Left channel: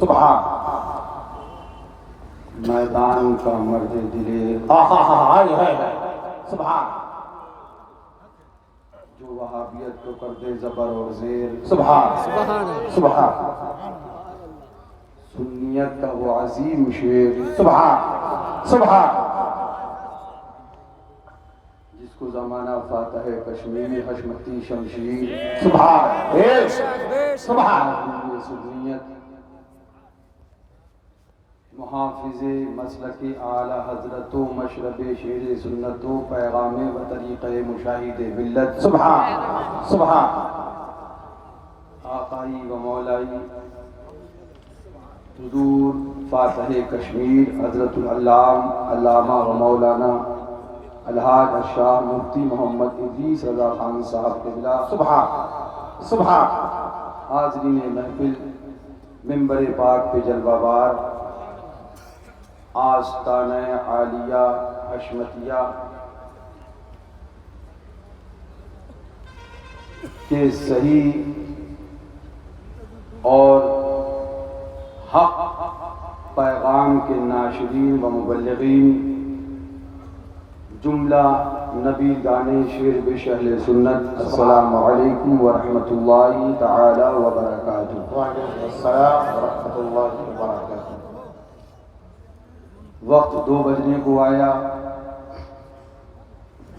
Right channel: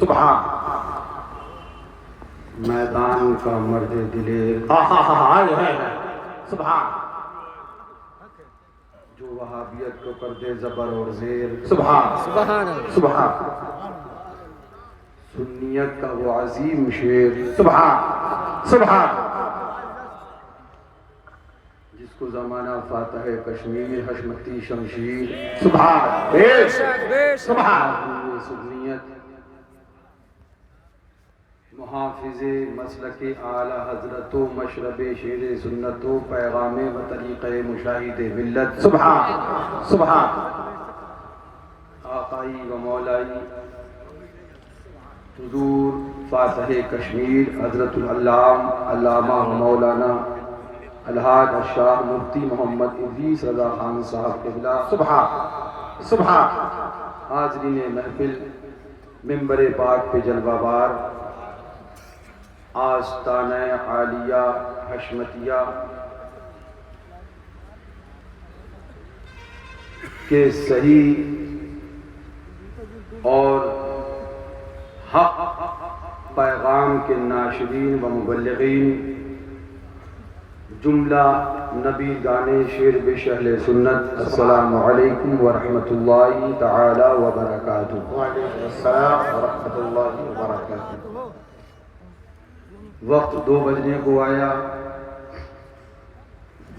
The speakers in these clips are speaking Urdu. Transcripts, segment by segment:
سبحان میدان کا مرد دلیر سبحان جو وہابیت کو کر دے زبر اور زیر سبحان سبحان سنیت کا وہ عظیم شیر سبحان سبحان جس کو زمانہ فاتح کشمیر حشمتی شمشیر سبحان سبحان سنیت محافظ مسلک اعلی حضرت و مشرب شیر سنت و پیغام و طریقہ مشاہد ملت سبحان سبحان آقائی و مولائی حضور فاتح کشمیر حضرت علامہ و مولانا الحاج الشاہ مفتی محمد ادریس رضا خان صاحب قبلہ سبحان سبحان حاضرین محفل منبر پاک پہ جلوہ بار آستانہ عالیہ حشمتیہ کے صحیح اور حق پیغام کے ناشرین و مبلغین جملہ نبی گانے شیر بش اہل سنت السلام علیکم ورحمۃ اللہ تعالی وبرکاتہ۔ وعلیکم السلام ورحمۃ اللہ وبرکاتہ۔ وقت 2 بجنے کو آیا،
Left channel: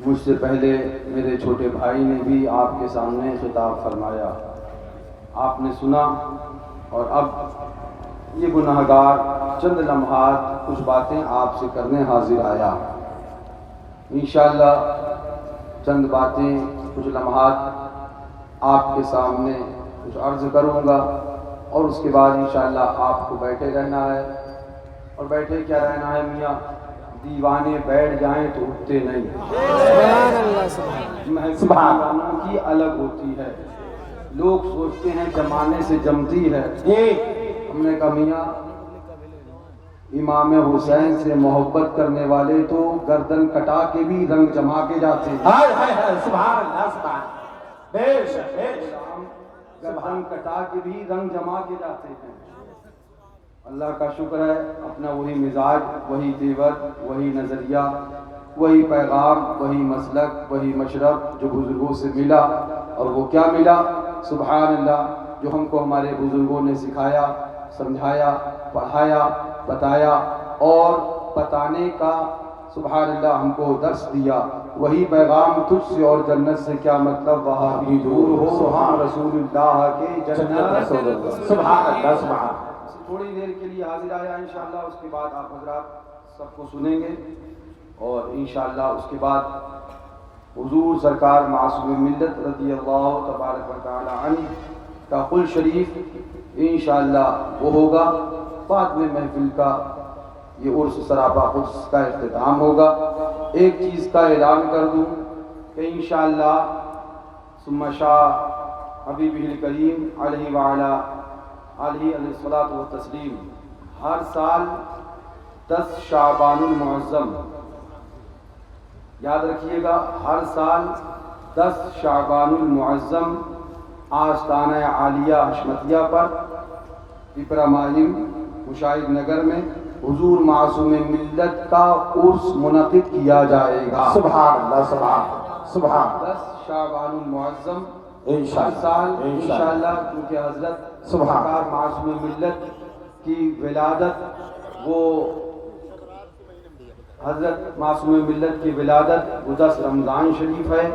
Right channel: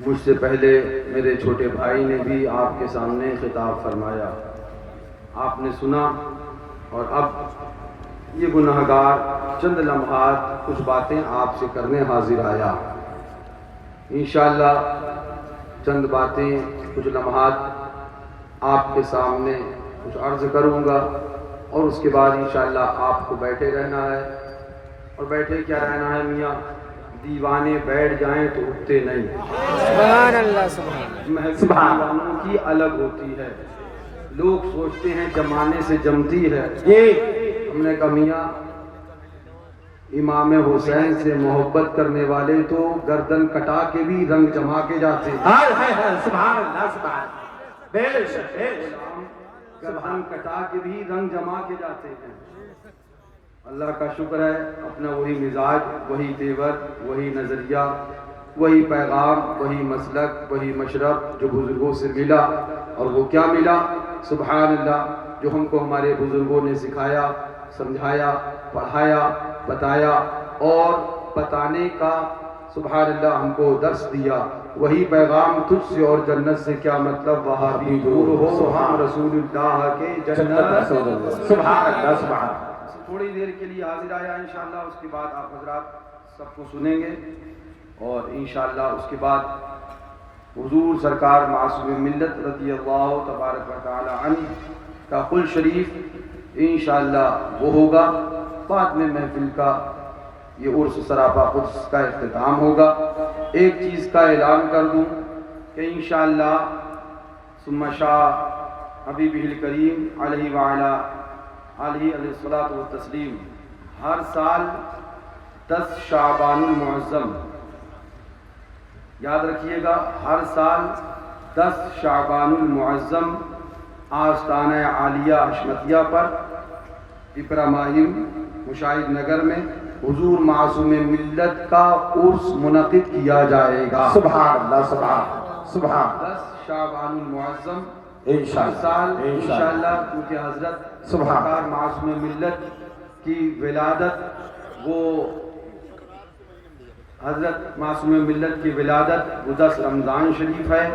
مجھ سے پہلے میرے چھوٹے بھائی نے بھی آپ کے سامنے خطاب فرمایا، آپ نے سنا، اور اب یہ گناہگار چند لمحات کچھ باتیں آپ سے کرنے حاضر آیا۔ انشاءاللہ چند باتیں کچھ لمحات آپ کے سامنے کچھ عرض کروں گا، اور اس کے بعد انشاءاللہ آپ کو بیٹھے رہنا ہے، اور بیٹھے کیا رہنا ہے میاں، دیوانے بیٹھ جائیں تو اٹھتے نہیں۔ سبحان اللہ سبحان سبحان دیوانوں کی الگ ہوتی ہے، لوگ سوچتے ہیں جمانے سے جمتی ہے۔ ہم نے کہا میاں امام حسین سے محبت کرنے والے تو گردن کٹا کے بھی رنگ جما کے جاتے ہیں۔ سبحان اللہ سبحان بے شک گردن کٹا کے بھی رنگ جما کے جاتے ہیں۔ اللہ کا شکر ہے، اپنا وہی مزاج، وہی تیور، وہی نظریہ، وہی پیغام، وہی مسلک، وہی مشرب جو بزرگوں سے ملا، اور وہ کیا ملا؟ سبحان اللہ، جو ہم کو ہمارے بزرگوں نے سکھایا، سمجھایا، پڑھایا، بتایا، اور بتانے کا سبحان اللہ ہم کو درس دیا، وہی پیغام تجھ سے اور جنت سے کیا مطلب، وہاں بھی دور ہو ہم رسول اللہ کے جنت۔ سبحان اللہ سبحان۔ تھوڑی دیر کے لیے حاضر آیا انشاءاللہ، اس کے بعد آپ حضرات سب کو سنیں گے، اور انشاءاللہ اس کے بعد حضور سرکار معصوم ملت رضی اللہ تبارک و تعالی عنہ کا قل شریف انشاءاللہ وہ ہوگا، بعد میں محفل کا یہ عرس سراپا قدس کا اختتام ہوگا۔ ایک چیز کا اعلان کر دوں کہ انشاءاللہ ثم شاء حبیبہ الکریم علیہ وعلا علیہ الصلاۃ والتسلیم ہر سال 10 شعبان المعظم، یاد رکھیے گا، ہر سال 10 شعبان المعظم آستانہ عالیہ حشمتیہ پر پپرا ماہم مشاہد نگر میں حضور معصوم ملت کا عرس منعقد کیا جائے گا۔ سبحان اللہ سبحان سبحان۔ 10 شعبان المعظم ہر انشاءاللہ سال انشاءاللہ، کیونکہ حضرت سرکار معصوم ملت کی ولادت، وہ حضرت معصوم ملت کی ولادت وہ 10 رمضان شریف ہے،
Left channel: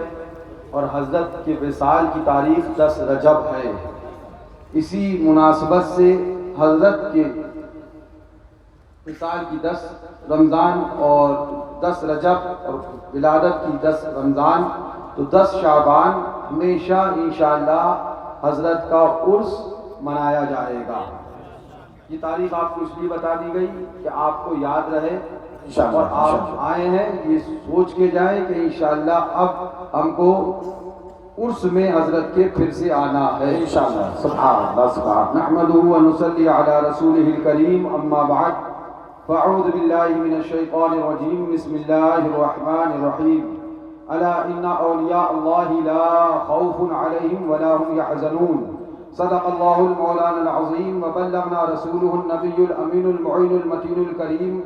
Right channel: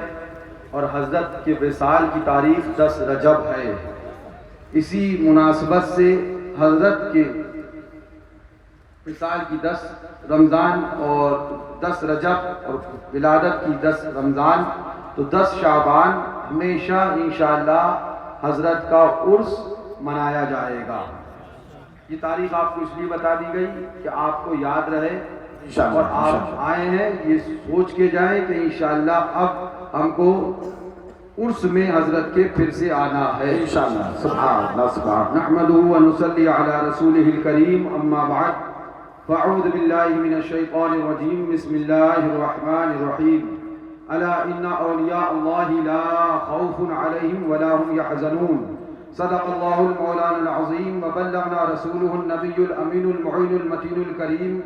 اور حضرت کے وصال کی تاریخ 10 رجب ہے۔ اسی مناسبت سے حضرت کے وصال کی 10 رمضان اور 10 رجب اور ولادت کی 10 رمضان، تو 10 شعبان ہمیشہ انشاءاللہ حضرت کا عرس منایا جائے گا۔ یہ تاریخ آپ کو اس لیے بتا دی گئی کہ آپ کو یاد رہے، اور آپ آئے ہیں یہ سوچ کے جائیں کہ انشاءاللہ اب ہم کو عرس میں حضرت کے پھر سے آنا ہے انشاءاللہ۔ سبحان اللہ سبحان۔ نحمده ونصلي على رسوله الكريم، اما بعد فاعوذ باللہ من الشیطان الرجیم، بسم اللہ الرحمن الرحیم۔ الا ان اولیاء اللہ لا خوف علیہم ولا هم يحزنون صدق اللہ المولانا العظیم وبلغنا رسولہ النبی الامین المعین المتین الکریم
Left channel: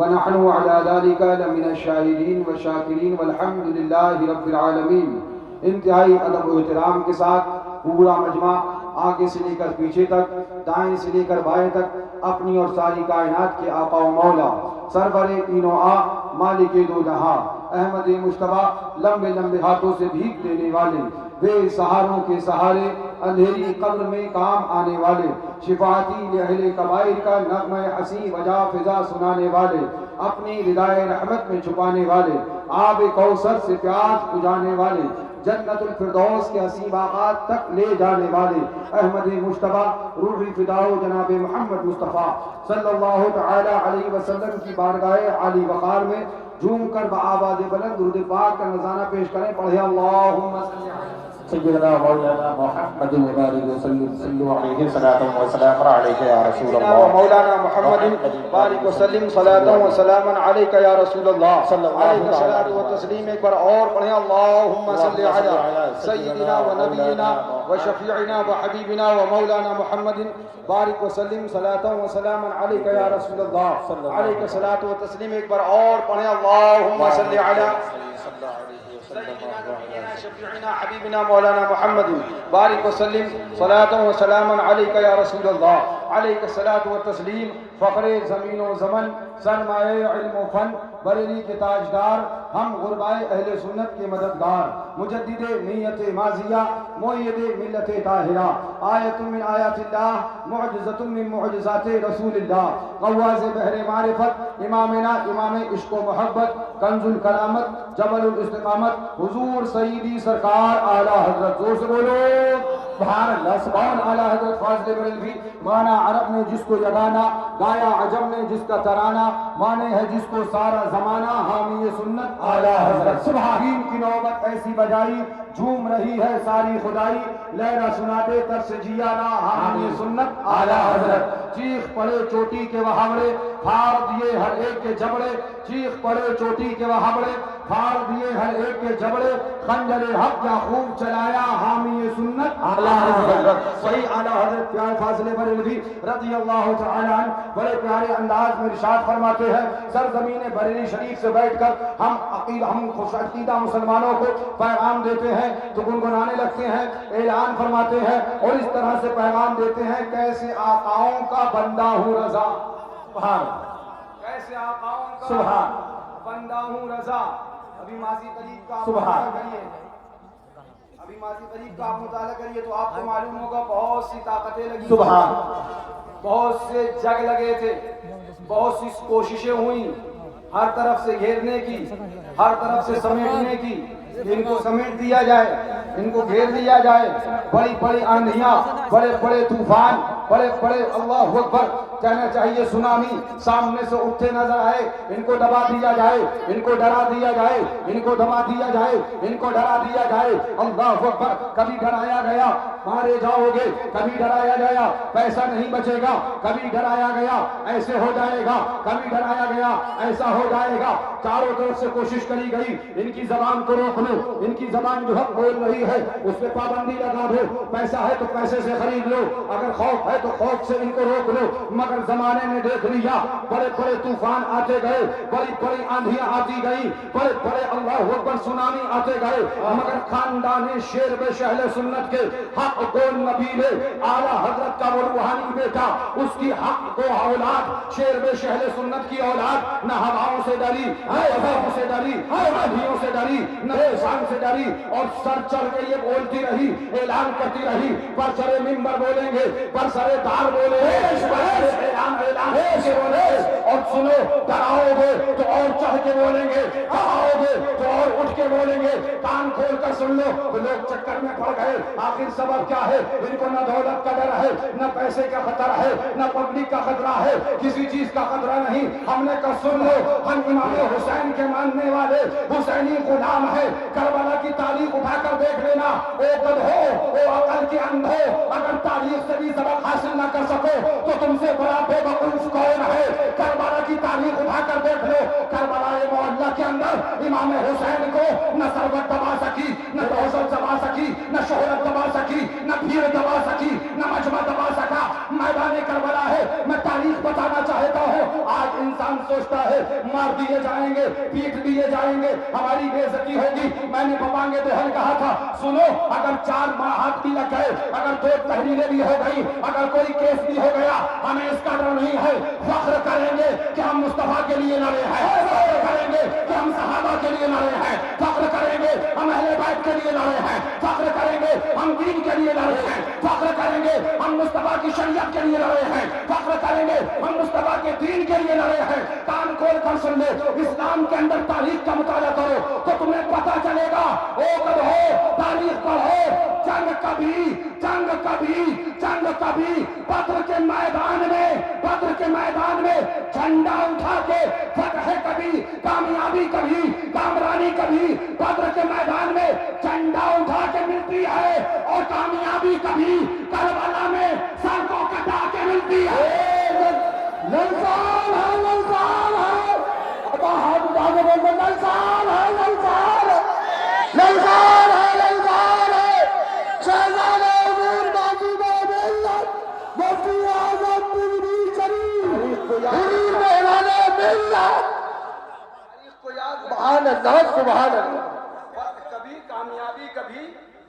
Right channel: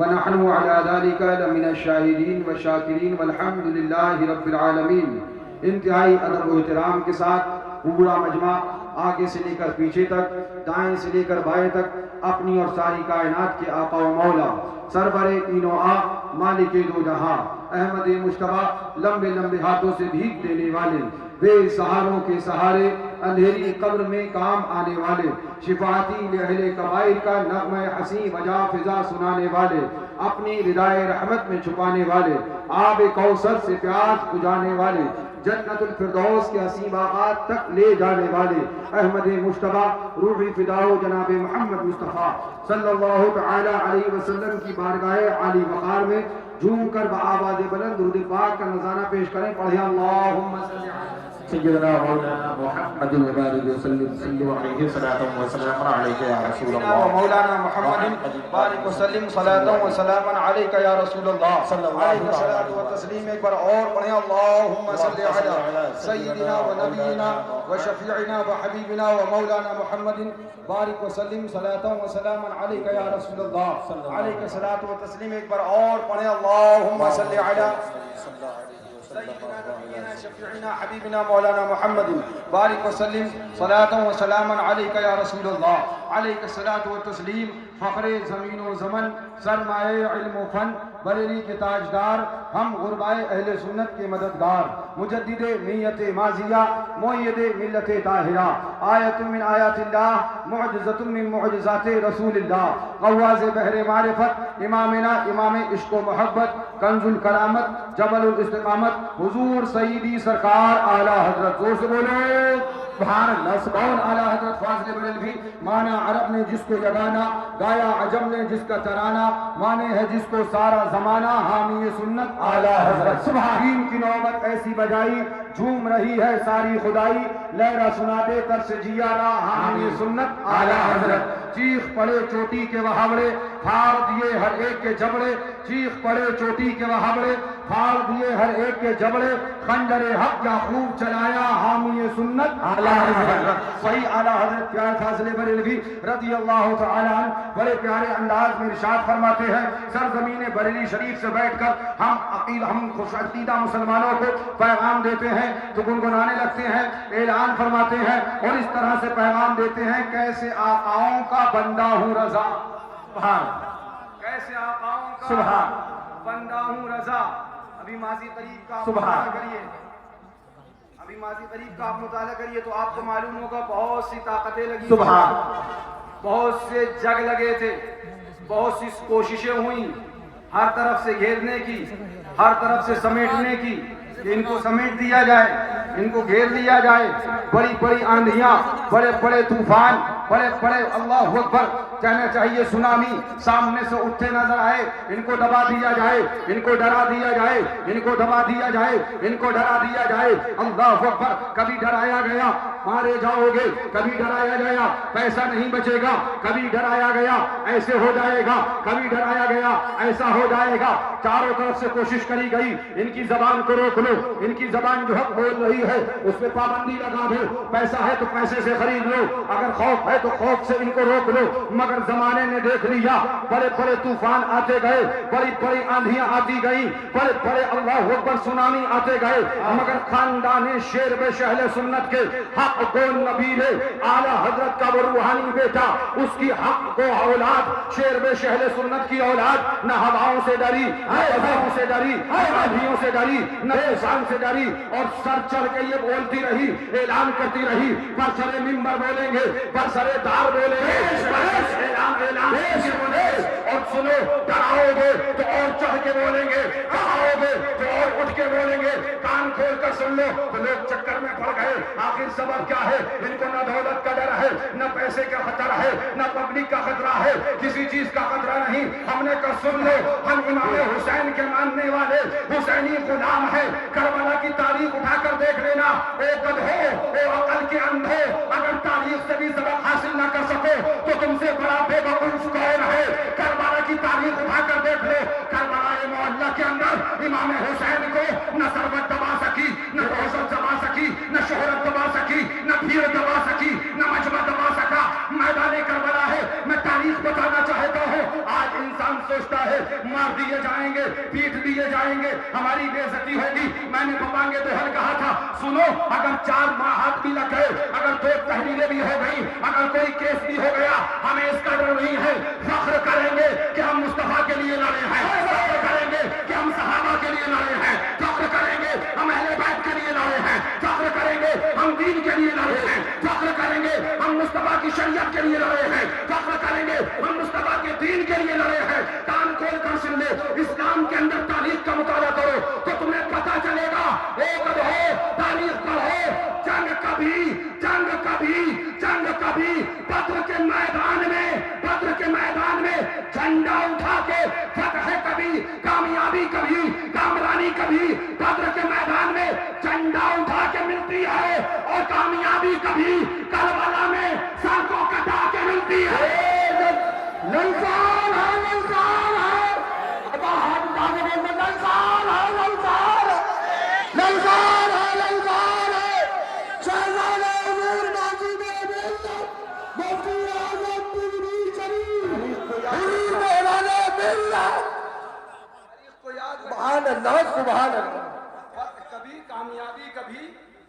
ونحن علی ذلک لمن الشاہدین والشاکرین والحمد للہ رب العالمین۔ انتہائی ادب و احترام کے ساتھ پورا مجمع آگے سے لے کر پیچھے تک، دائیں سے لے کر بائیں تک اپنی اور ساری کائنات کے آقا و مولا سرور تینوں مالک دو جہاں احمد مجتبیٰ لمبے لمبے ہاتھوں سے بھیک دینے والے، بے سہاروں کے سہارے، اندھیری قبر میں کام آنے والے، شفاعتی لأہل کبائر کا نغمہ حسین وجا فضا سنانے والے، اپنی ردائے رحمت میں چھپانے والے، آب کوثر سے پیاس بجھانے والے، جنت الفردوس کے حسین باغات تک لے جانے والے، احمد مجتبیٰ روحی فداء جناب محمد مصطفیٰ صلی اللہ تعالی علیہ وسلم کی بارگاہ عالی وقار میں جھوم کر بآواز بلند درود پاک کا نذرانہ پیش کریں۔ پڑھیں اللہم صلی علی سیدنا مولانا محمد وبارک وسلم صلو علیہ صلاۃ و سلام علیک یا رسول اللہ۔ مولانا محمد بارک وسلم صلاۃ و سلام علیک یا رسول اللہ علیہ صلاۃ و تسلیم۔ ایک بار اور پڑھیں اللہم صلی علی سیدنا و نبینا و شفیعنا و حبیبنا و مولانا محمد بارک وسلم صلاۃ و سلام علیک یا رسول اللہ علیہ صلاۃ و تسلیم۔ ایک بار اور پڑھیں اللہم صلی علی شفیعنا حبیبنا مولانا محمد بارک وسلم صلاۃ و سلام علیک یا رسول اللہ علیہ الصلاۃ والتسلیم۔ فخر زمین و زمن، سرمایہ علم و فن، بریلی کے تاجدار، ہم غربائے اہل سنت کے مددگار، مجدد نیت ماضیہ، مؤید ملت طاہرہ، آیت من آیات اللہ، معجزۃ من معجزات رسول اللہ، غواز بحر معرفت، امامنا امام عشق و محبت، کنز الکرامت، جبل الاستقامت، حضور سیدی سرکار اعلیٰ حضرت، زور سے بولو سبحان اللہ، سبحان اعلیٰ حضرت فاضل بریلوی۔ مانا عرب نے جس کو یگانہ، گایا عجم نے جس کا ترانہ، مانے ہے جس کو سارا زمانہ، حامی سنت اعلیٰ حضرت۔ سبحان کی نوبت ایسی بجائی، جھوم رہی ہے ساری خدائی، لہرہ سنا دے تر سے جیانا، حامی سنت اعلیٰ حضرت۔ چیخ پڑے چوٹی کے وہاوڑے، پھاڑ دیے ہر ایک کے جبڑے، چیخ پڑے چوٹی کے وہاوڑے، پھاڑ دیے ہر ایک کے جبڑے، خنجر حق کیا خوب چلایا، حامی سنت اعلیٰ حضرت۔ وہی اعلیٰ حضرت پیارے فاضل بریلوی رضی اللہ تعالیٰ عنہ بڑے پیارے انداز میں ارشاد فرماتے ہیں، سرزمین بریلی شریف سے بیٹھ کر ہم خوش عقیدہ مسلمانوں کو پیغام دیتے ہیں تو گنگنانے لگتے ہیں، اعلان فرماتے ہیں اور اس طرح سے پیغام دیتے ہیں، کیسے آقاؤں کا بندہ ہوں رضا، سبحان کیسے آقاؤں کا سبحان بندہ ہوں رضا۔ ابھی ماضی قریب کا آپ سبحان مطالعہ کریے، ابھی ماضی قریب کا آپ مطالعہ کریے تو آپ کو معلوم ہوگا بہت سی طاقتیں لگی، سبحان بہت سے جگ لگے تھے، بہت سی کوششیں ہوئیں ہر طرف سے گھیرنے کی، ہر طرف سے سمیٹنے کی، کہ ان کو سمیٹ دیا جائے، ان کو گھیر دیا جائے، بڑی بڑی آندھیاں، بڑے بڑے طوفان، بڑے بڑے اللہ اکبر کہنا چاہیے سونامی سامنے سے اٹھتے نظر آئے، ان کو دبا دیا جائے، ان کو ڈرا دیا جائے، ان کو دبا دیا جائے، ان کو ڈرا دیا جائے، اللہ اکبر۔ کبھی ڈرایا گیا مارے جاؤ گے، کبھی ڈرایا گیا پیسہ نہیں بچے گا، کبھی ڈرایا گیا ایسے ہو جائے گا، کبھی ڈرایا گیا ایسا ہو جائے گا، چاروں طرف سے کوشش کری گئی ان کی زبان کو روک لو، ان کی زبان جو حق بول رہی ہے اس پہ پابندی لگا دو، پیسہ ہے تو پیسے سے خرید لو، اگر خوف ہے تو خوف سے ان کو روک لو، مگر زمانے نے دیکھ لیا، بڑے بڑے طوفان آتے گئے، بڑی بڑی آندھیاں آتی گئیں، بڑے بڑے اللہ اکبر سونامی آتے گئے، مگر خاندان شیر بے شہل سنت کے حق گول نبی نے اعلیٰ حضرت کا وہ روحانی بیٹا، اس کی حق کو اولاد، شیر بے شہل سنت کی اولاد نہ ہواؤں سے ڈری، نہ فضاؤں سے ڈری، نہ آندھیوں سے ڈری، نہ طوفان سے ڈری، اور سر چڑھ کے یہ بولتی رہی، اعلان کرتی رہی، برسر ممبر بولیں گے، برسر دار بولیں گے، اعلان کے بولیں گے، اور سنو ڈراؤ گے تو اور چڑھ کے بولیں گے، کہاؤ گے تو اور اٹھ کے بولیں گے، کان کھول کر سن لو تو لوگ چکر میں پڑ گئے۔ آخر سبب کیا ہے؟ ان کو نہ دولت کا ڈر ہے، نہ پیسے کا خطرہ ہے، نہ پبلک کا خطرہ ہے، کسی چیز کا خطرہ نہیں۔ ہم نے کہا سن لو، ہم امام حسین کے ماننے والے حسینی غلام ہے، کربلا کی تاریخ اٹھا کر دیکھ لینا، او گدھو، او عقل کے اندھو، اگر تاریخ سے بھی سبق حاصل نہ کر سکو تو تم سے بڑا بے وقوف کون ہے؟ کربلا کی تاریخ اٹھا کر دیکھ لو، کربلا معلّہ کے اندر امام حسین کو نہ ثروت دبا سکی، نہ دولت دبا سکی، نہ شہرت دبا سکی، نہ بھیڑ دبا سکی، مجمع دبا سکا میدان کربلا ہے. میں تاریخ بتانا چاہتا ہوں. آج انسان سوچتا ہے مار دیے جائیں گے, پیٹ دیے جائیں گے, ہماری بے عزتی ہوگی. میں نے بپانگے دوہن کہا تھا سنو, اگر 4 ماہ بھی لگ گئے, اگر 2 تحریریں بھی ہو گئی, اگر کوئی کیس بھی ہو گیا, ہمیں اس کا ڈر نہیں ہے. فخر کریں گے کہ ہم مصطفیٰ کے لیے لڑے ہیں, فخر کریں گے کہ ہم صحابہ کے لیے لڑے ہیں, فخر کریں گے ہم اہل بیت کے لیے لڑے ہیں, فخر کریں گے ہم دین کے لیے لڑے ہیں, فخر کریں گے ہم مصطفیٰ کی شریعت کے لیے لڑے ہیں, فخر کریں گے ہم مصطفیٰ کے دین کے لیے لڑے ہیں. کان کھول کر سن لے, اسلام کے اندر تاریخ کا مطالعہ کرو تو تمہیں پتہ چلے گا. اوقد ہو, تاریخ پڑھو, جنگ کبھی بدر کے میدان میں جھنڈا اٹھا کے فتح کبھی, کامیابی کبھی, کامرانی کبھی. بدر کے میدان میں جھنڈا اٹھا کے ملتی ہے اور کامیابی کبھی کربلا میں سر کو کٹا کے ملتی ہے. للکار ہے, للکار ہے, ہاتھ اٹھا کے بولتے للکار ہے, للکار ہے, للکار ہے, للکار ہے. شہزادہ حضور موجود ملت مفتی اعظم مدنی شریف حضور مولانا ملت. سبحان اللہ, سبحان اللہ. کبھی کامیابی کبھی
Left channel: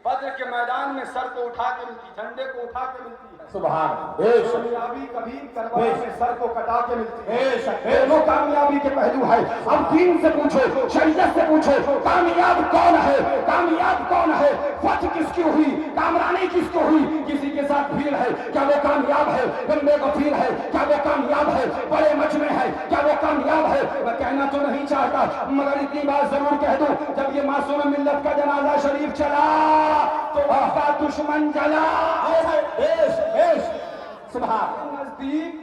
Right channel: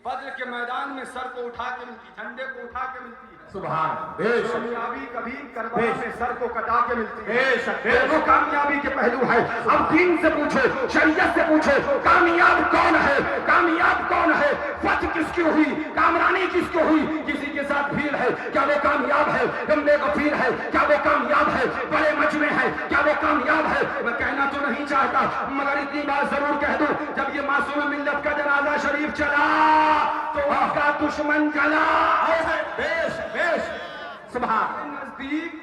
بدر کے میدان میں سر کو اٹھا کے ملتی, جھنڈے کو اٹھا کے ملتی ہے. سبحان کامیابی کبھی کربلا میں سر کو کٹا کے ملتی ہے. دونوں کامیابی کے پہلو ہے. اب دین سے پوچھو, شریعت سے پوچھو, کامیاب کون ہے, کامیاب کون ہے, فتح کس کی ہوئی, کامرانی کس کی ہوئی. کسی کے ساتھ بھیڑ ہے, کیا وہ کامیاب ہے؟ گندے غفیر ہے, کیا وہ کامیاب ہے؟ بڑے مجمع ہے, کیا وہ کامیاب ہے؟ میں کہنا تو نہیں چاہتا مگر اتنی بات ضرور کہہ دوں, جب یہ معصوم ملت کا جنازہ شریف چلا تو ان کا دشمن جلا. سبحان نزدیک,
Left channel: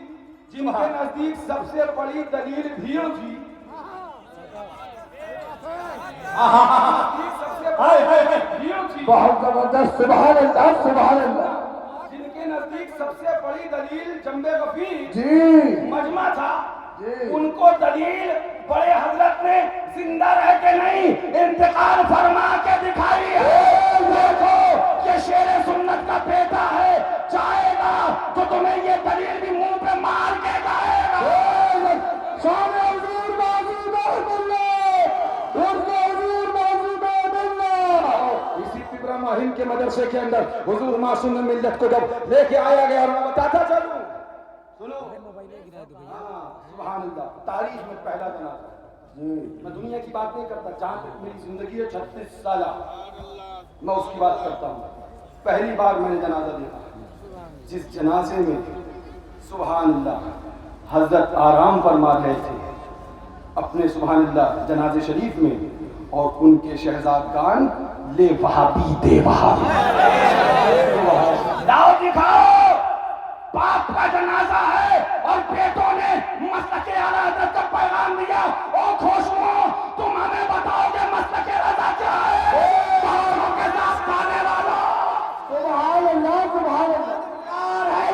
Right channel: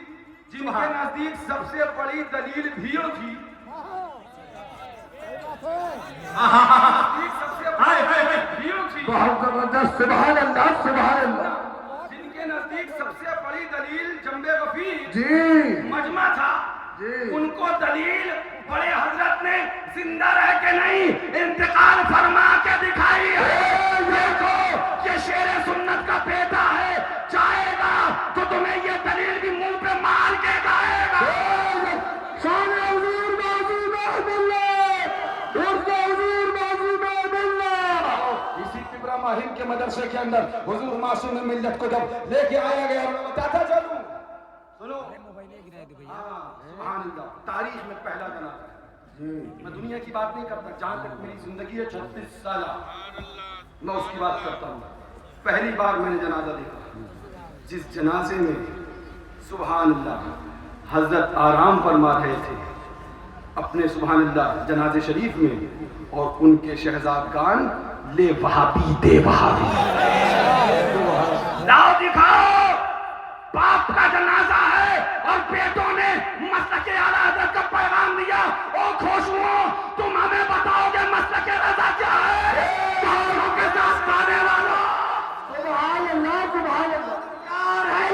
جن کے نزدیک سب سے بڑی دلیل بھیڑ تھی, بھیڑ تھی, بہت زبردست. سبحان اللہ, سبحان اللہ. جن کے نزدیک سب سے بڑی دلیل جنب غفیر جی مجمع تھا, جی, ان کو دلیل بڑے حضرت نے زندہ رہ کے نہیں انتقال فرما کے دکھائی ہے. دیکھو یہ شیر سنت کا بیٹا ہے, چاہے گا تو تمہیں یہ دلیل بھی منہ پہ مار کے گائے گا. شان حضور موجود ملت, حضور موجود ملت. اسی ابراہیم کے مدرسے کے اندر حضور معصوم ملت کو جب لے کے آیا گیا, میں بتاتا چلوں, سنو, سبحان اللہ, تاریخ میں پہلا جنازہ ہے. میں دنیا کی بات نہیں کرتا, جہاں تک میری زندگی ہے 36 سالہ, میں اس کی بات کرتا ہوں. پہلی بار میں نے جنازہ دیکھا, جس جنازے میں سبحان اللہ حضرت آرام فرما رہے تھے اپنے سبحان اللہ جنازے شریف میں, اور ان کے شہزادگان لے وہابی دے وہابی, لاؤ دکھاؤ, باپ کا جنازہ ہے اور بیٹوں نے مسلک اعلیٰ حضرت کا پیغام دیا. او خوشبو, تم ہمیں بتاؤ گے مسلک رضا کیا ہے؟ پہاڑوں کے ساتھ کھانے والوں. سبحان اللہ, سبحان اللہ.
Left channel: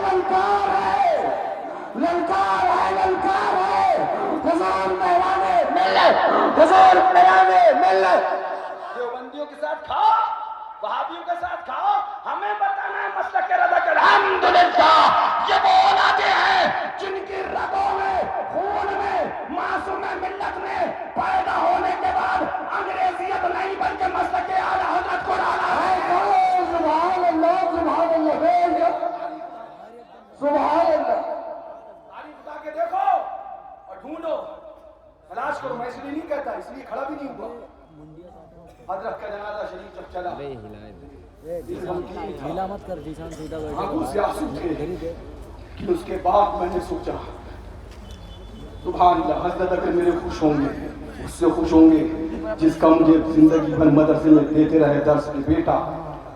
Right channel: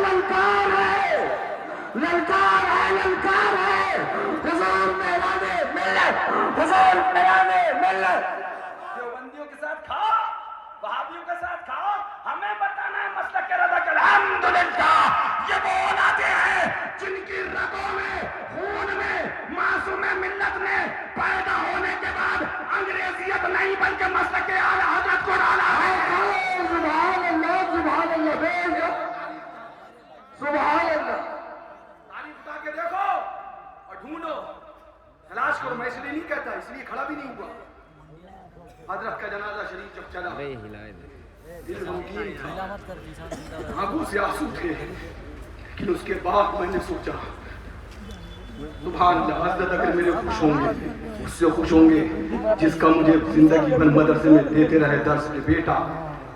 للکار ہے, للکار ہے, للکار ہے. حضور میرانے ملت, حضور میرانے ملت. دیوبندیوں کے ساتھ کھاؤ, وہابیوں کے ساتھ کھاؤ, ہمیں بتانا ہے مسلک رضا کے. الحمدللہ یہ وہ اولادیں ہیں جن کی رگوں میں, خون میں معصوم ملت نے پیدا ہونے کے بعد انگریزیت نہیں بلکہ مسلک اعلیٰ حضرت کو ڈالا ہے. سبحان اللہ, سبحان اللہ, سبحان اللہ. تاریخ اٹھا کے دیکھو اور ڈھونڈو, تلاش کرو. میں اس لیے نہیں کہتا, اس لیے کھڑا بھی نہیں ہوا. حضرت کا جنازہ شریف جب چلا, دل غمگین تھا, آنکھوں سے آنسو تھے, لیکن اس کے بعد میں نے سوچا سبحان اللہ, حضرت اگر میرے خوش ہوں گے, اس سے خوش ہوں گے جس کا مجھے زندگی بھر مدرسے میں دیتے رہے درس کے بیٹا,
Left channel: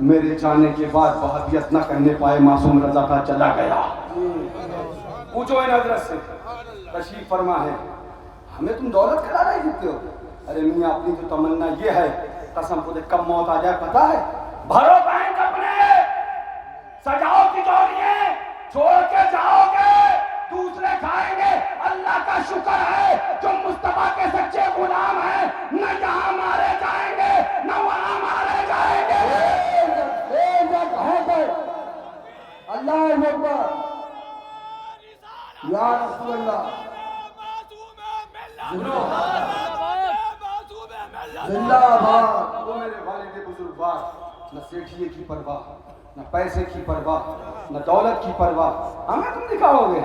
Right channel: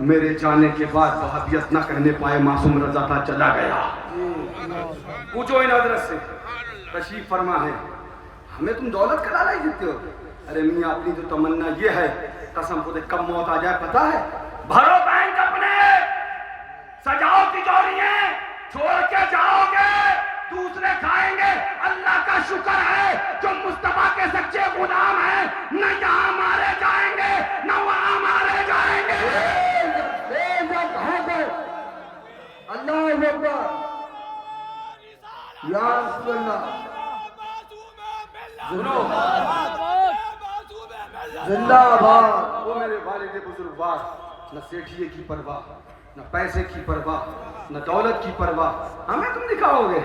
میرے جانے کے بعد وہابیت نہ کرنے پائے, معصوم رضا تھا چلا گیا. پوچھو ان حضرت سے, تشریف فرما ہے, ہمیں تم دولت کا لالچ دیتے ہو. ارے میاں اپنی تو تمنا یہ ہے, قسم خدا کب موت آ جائے پتا ہے, بھرو بینک اپنے, سجاؤ تجوریاں, چھوڑ کے جاؤ گے, دوسرے کھائیں گے. اللہ کا شکر ہے جو مصطفیٰ کے سچے غلام ہیں, نہ یہاں مارے جائیں گے نہ وہاں مارے جائیں گے. اللہ اکبر یا رسول اللہ زندہ آباد. وہ میرے والد بزرگوار نہ سیٹھیے کی پرواہ نہ پیسے کی پرواہ نہ دولت کی پرواہ. ہمیں تم دکھاؤ گے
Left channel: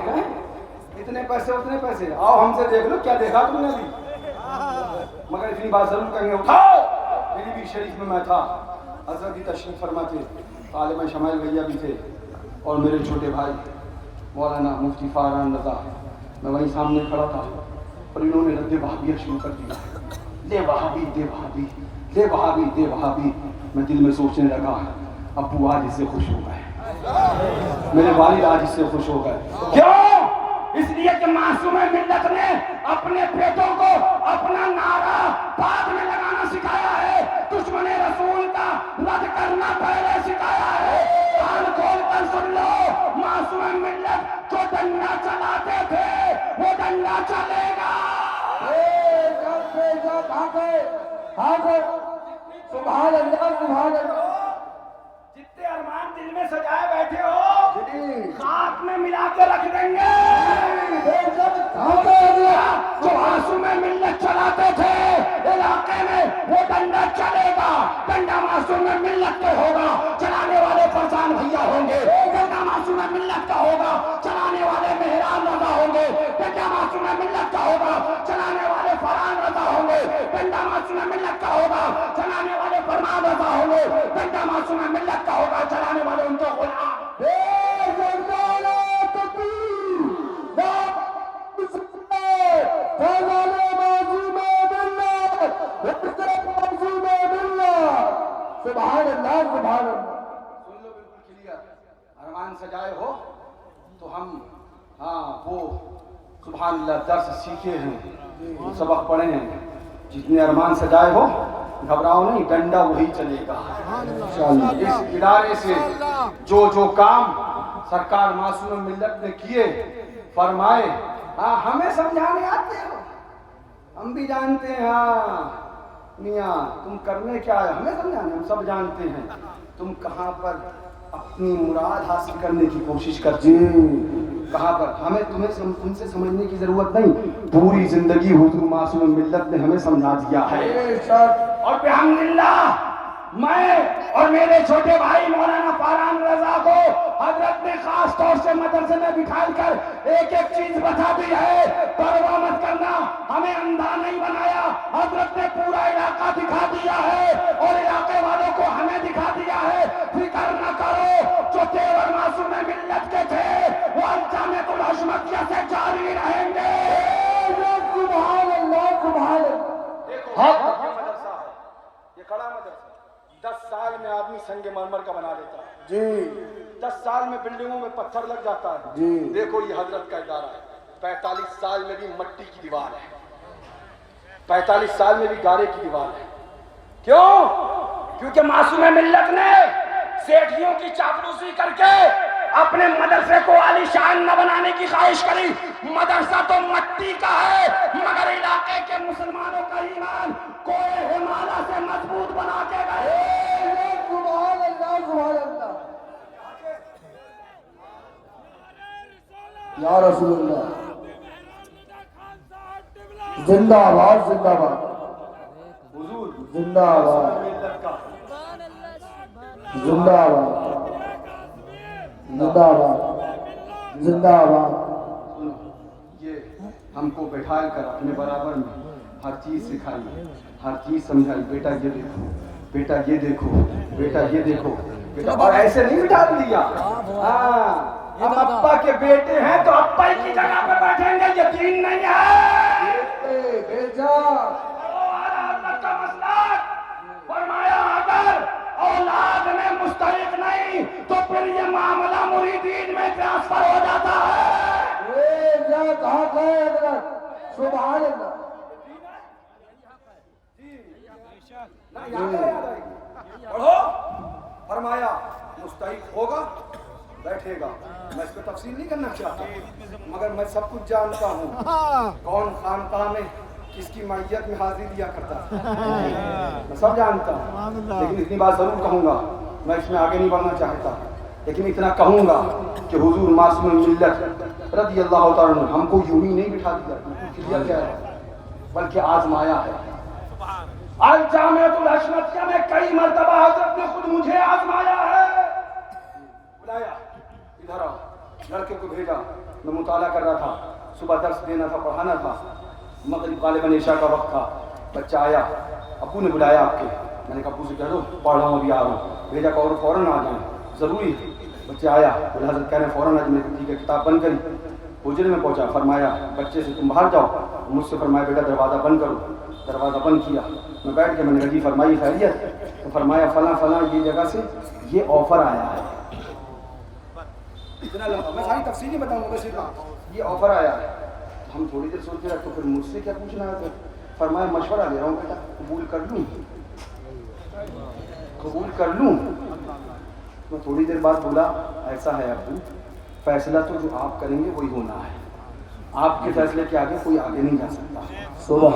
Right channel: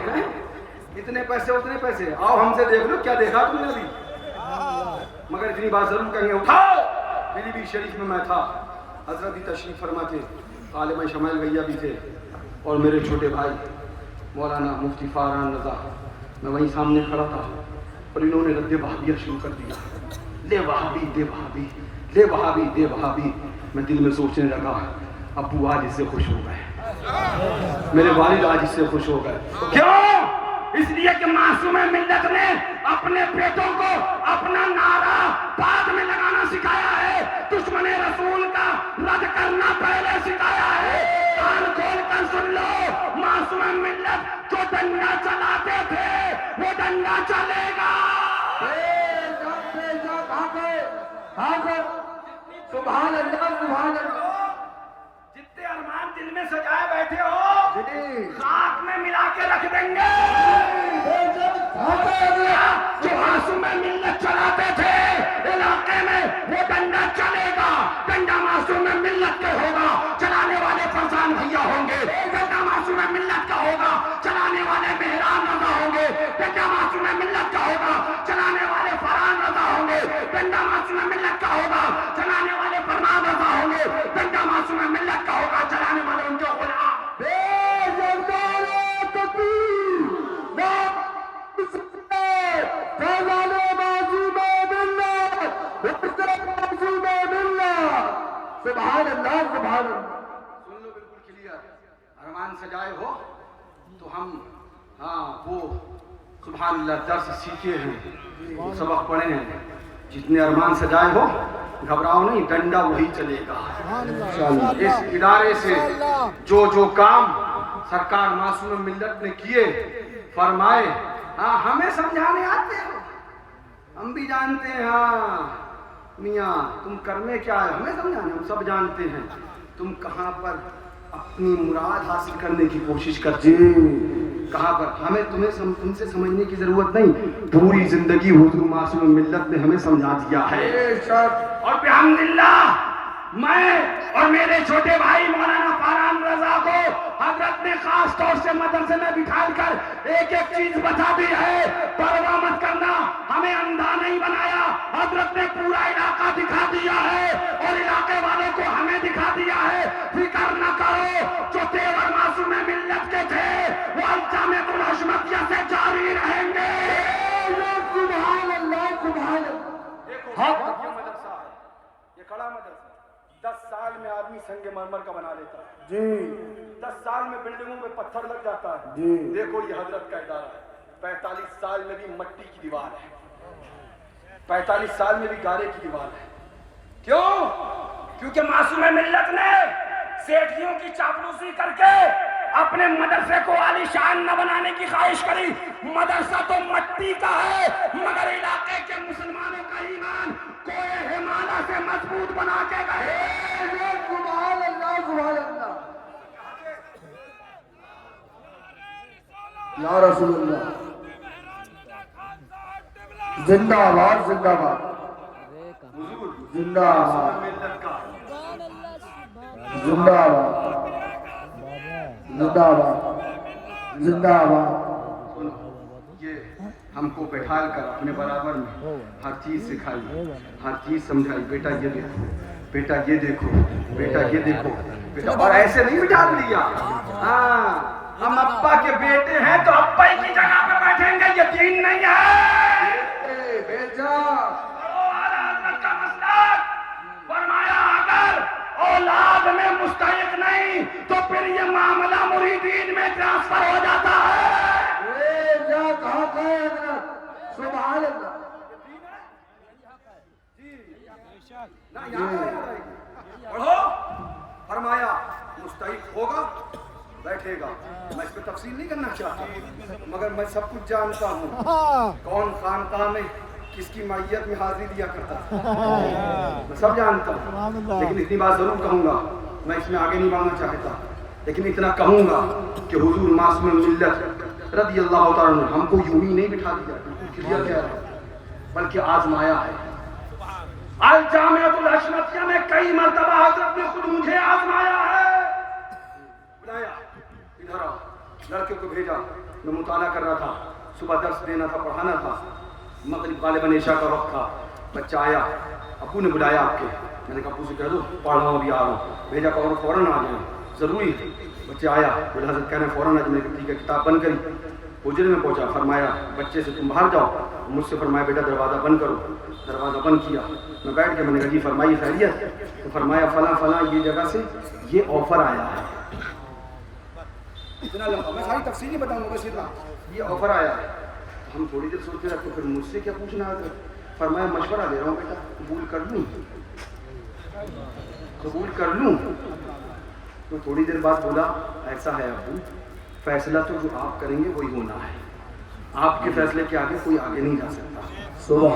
اتنے پیسے اتنے پیسے. آؤ ہم سے دیکھ لو کیا دیکھا تم نے ابھی. مگر اتنی بات ضرور کہیں گے اٹھاؤ. میری بھی شریف میں تھا, حضرت بھی تشریف فرما تھے, عالم شمائل بھیا بھی تھے, اور میرے چھوٹے بھائی مولانا مفتی فاران رضا. میں وہیں سامنے کھڑا تھا اور انہوں نے رد وہابیت شروع کر دیا. لے وہابی دے وہابی, لے وہابی دے وہابی. میں دل میں سوچنے لگا ابو آج اس سے خوش ہو گئے, میرے والد آج اس سے خوش ہو گئے. کیوں؟ اس لیے کہ معصوم ملت نے اپنے بیٹوں کو اپنا نعرہ بعد میں لگانا سکھایا ہے, دشمن رسول کا رد کرنا پہلے سکھایا ہے. کان کھول کر سن لو, معصوم ملت جو ڈنڈا چلاتے تھے وہ ڈنڈا چلے گا. سبحان اللہ سبحان اللہ. جتنے ارمان دل میں سجائے بیٹھے ہو خاک میں ملا کے رکھ دیں گے. جو معصوم ملت چلاتے تھے علاقے میں وہ ڈنڈا چلے گا. ڈنڈا معصوم ملت کا ہوگا, چلانے والے فرزان بھیا ہوں گے. ڈنڈا معصوم ملت کا ہوگا, چلانے والے مہران رضا ہوں گے. ڈنڈا معصوم ملت کا ہوگا, چلانے والے فرحان رضا ہوں گے. ڈنڈا معصوم ملت کا ہوگا, چلانے والے فرمان رضا ہوں گے. ڈنڈا معصوم ملت کا ہوگا, چلانے والے ان کے غلام. سبحان اللہ سبحان اللہ. سن لو بالکل کلیئر. ارمان سجائے ہو تو ہم وہ سبحان اللہ درس سیکھے ہیں, سبق پڑھے ہیں. جتنے ارمان سجائے ہو گھبراؤ نہیں, ڈنڈا وہی چلے گا. اس ادارے سے جو کام سرکار معصوم ملت نے کیے فرمائے, ہمیں سمجھانے آتے ہو, ہم بھی جانتے ہیں. میاں تم کرنے کیا ہے ہمیں سمجھانے, ہم سب جانتے ہیں تم کہاں پر اپنی مراد حاصل کرنے کی کوشش کرتے ہو, کہاں پر. ہمیں تم سے سمجھنے کی ضرورت نہیں, پوری زندگی حضور معصوم ملت نے ہمیں سمجھا دیا ہے. اور بحمداللہ میں اور میرے چھوٹے بھائی مولانا فاران رضا کو حضرت نے خاص طور سے مدرسے میں بٹھا کر ایک ایک چیز بتا دی ہے. پرواہ مت کرنا, ہمیں اندھا نہیں بنایا. حضرت نے پورا علاقہ دکھا دیا ہے اور علاقے والوں کو ہمیں دکھا دیا ہے. فکر نہ کرو, جو تیور معصوم ملت کے تھے وہ جامعۃ الحشمتیہ سے جاری رہیں گے. سبحان اللہ سبحان اللہ. یہ کڑا مدرسہ 10 سال میں آدمی سنگ مرمر کا بنا لیتا ہے جی. 10 سال میں بلڈنگوں میں پتھر لگ جاتا ہے جی. دیکھو یہ حضرت کا ادارہ ہے, 45 سال میں بھی مٹی کی دیوار ہے, 45 سال میں بھی گارے کی دیوار ہے. کیوں؟ کیونکہ معصوم ملت نے سیٹھیوں کی چاپلوسی کر کے اپنے مدرسے کو عالی شان نہ بنانے کی خواہش کری. مدرسہ تو مٹی کا ہے مگر علاقے کے مسلمانوں کا ایمان کوئے ہمالا سے مضبوط بنا کے گئے. سبحان اللہ سبحان اللہ. یا رسول اللہ زندہ آباد زندہ آباد. حضور زندہ آباد زندہ آباد زندہ آباد زندہ آباد. یہ ہم کو بیٹھا کر اپنے برابر میں ہر چیز سکھائی, ہر چیز سمجھائی. بیٹا یہ دیکھو, بیٹا یہ دیکھو, بیٹا یہ دیکھو, بیٹا. اور ایسے نہیں بٹھا دیا. ہم ابا کے بیٹے ہیں تو ابا ہی کی جگہ پہ بیٹھیں گے, یقین نہیں ہے. فرمایا اگر اولاد میں مستحق نہیں تو پھر یہ معاملہ مریدین میں ٹرانسفر ہو جاتا ہے. سبحان اللہ. پڑھو. فرمایا مستحق ہوگا بیٹھے گا. میں اس پہ تفصیل نہیں کرنا چاہتا مگر میں سب کچھ جانتا ہوں کون خانقاہ میں کس کی معیت میں حاضری دیا کرتا ہے, میں سب جانتا ہوں. لیکن اتنی بات ضرور کہوں گا, میں اس میں آگے نہیں بڑھنا چاہتا. لیکن اتنا کہوں گا کہ حضور معصوم ملت رضی اللہ تعالیٰ عنہ ہم کو یوں ہی نہیں بٹھا دیا کیا گیا ہے، بلکہ آزمایا ہے۔ الجامعۃ الحشمتیہ میں کئی مرتبہ حضرت نے خود مجھے آزمایا ہے۔ بلایا ادھر آؤ، لڑکے کو بھیجا، میں مطالعہ کر رہا تھا، صبح درس دینا تھا، پڑھانا تھا، مغرب غالباً عشاء کا وقت تھا، بچہ آیا، ابو نے بلایا آپ کے، میں نے کہا ابو سے کہہ دو پڑھ رہا ہوں ابھی آ رہا ہوں، بھیجا کہ اور فوراً آ جائیں ضروری ہے۔ بچہ آیا، بولا حضرت کہہ رہے ہیں فوراً آ جائیں، میں نے کہا ٹھیک ہے، کتاب بند کری، حجرے میں پہنچا، فرمایا بچے سے تم باہر جاؤ، مجھ سے فرمایا بیٹا دروازہ بند کرو، دروازہ بند کیا، میں بیٹھ کے میں نے کہا جی فرمائیے خیریت؟ تو فرمایا فلاں فلاں یہ جگہ سے یہ آفر آیا ہے، اتنا لمبا میں ساری تفصیل نہیں بتاؤں گا، بس اتنا یہ آفر آیا ہے۔ ہم تھوڑی دیر سوچتے رہے تو پھر مجھ سے کیا پوچھنا ہے؟ فرمایا مشورہ دے رہا ہوں بیٹا، قبول کر لوں؟ قبول کر لوں؟ میں تھوڑی دیر بعد بولا ایسا ہے ابو، فیصلہ تو جو آپ کریں گے وہی ہونا ہے، آپ کے فیصلے کے آگے کوئی آگے نہیں جا سکتا۔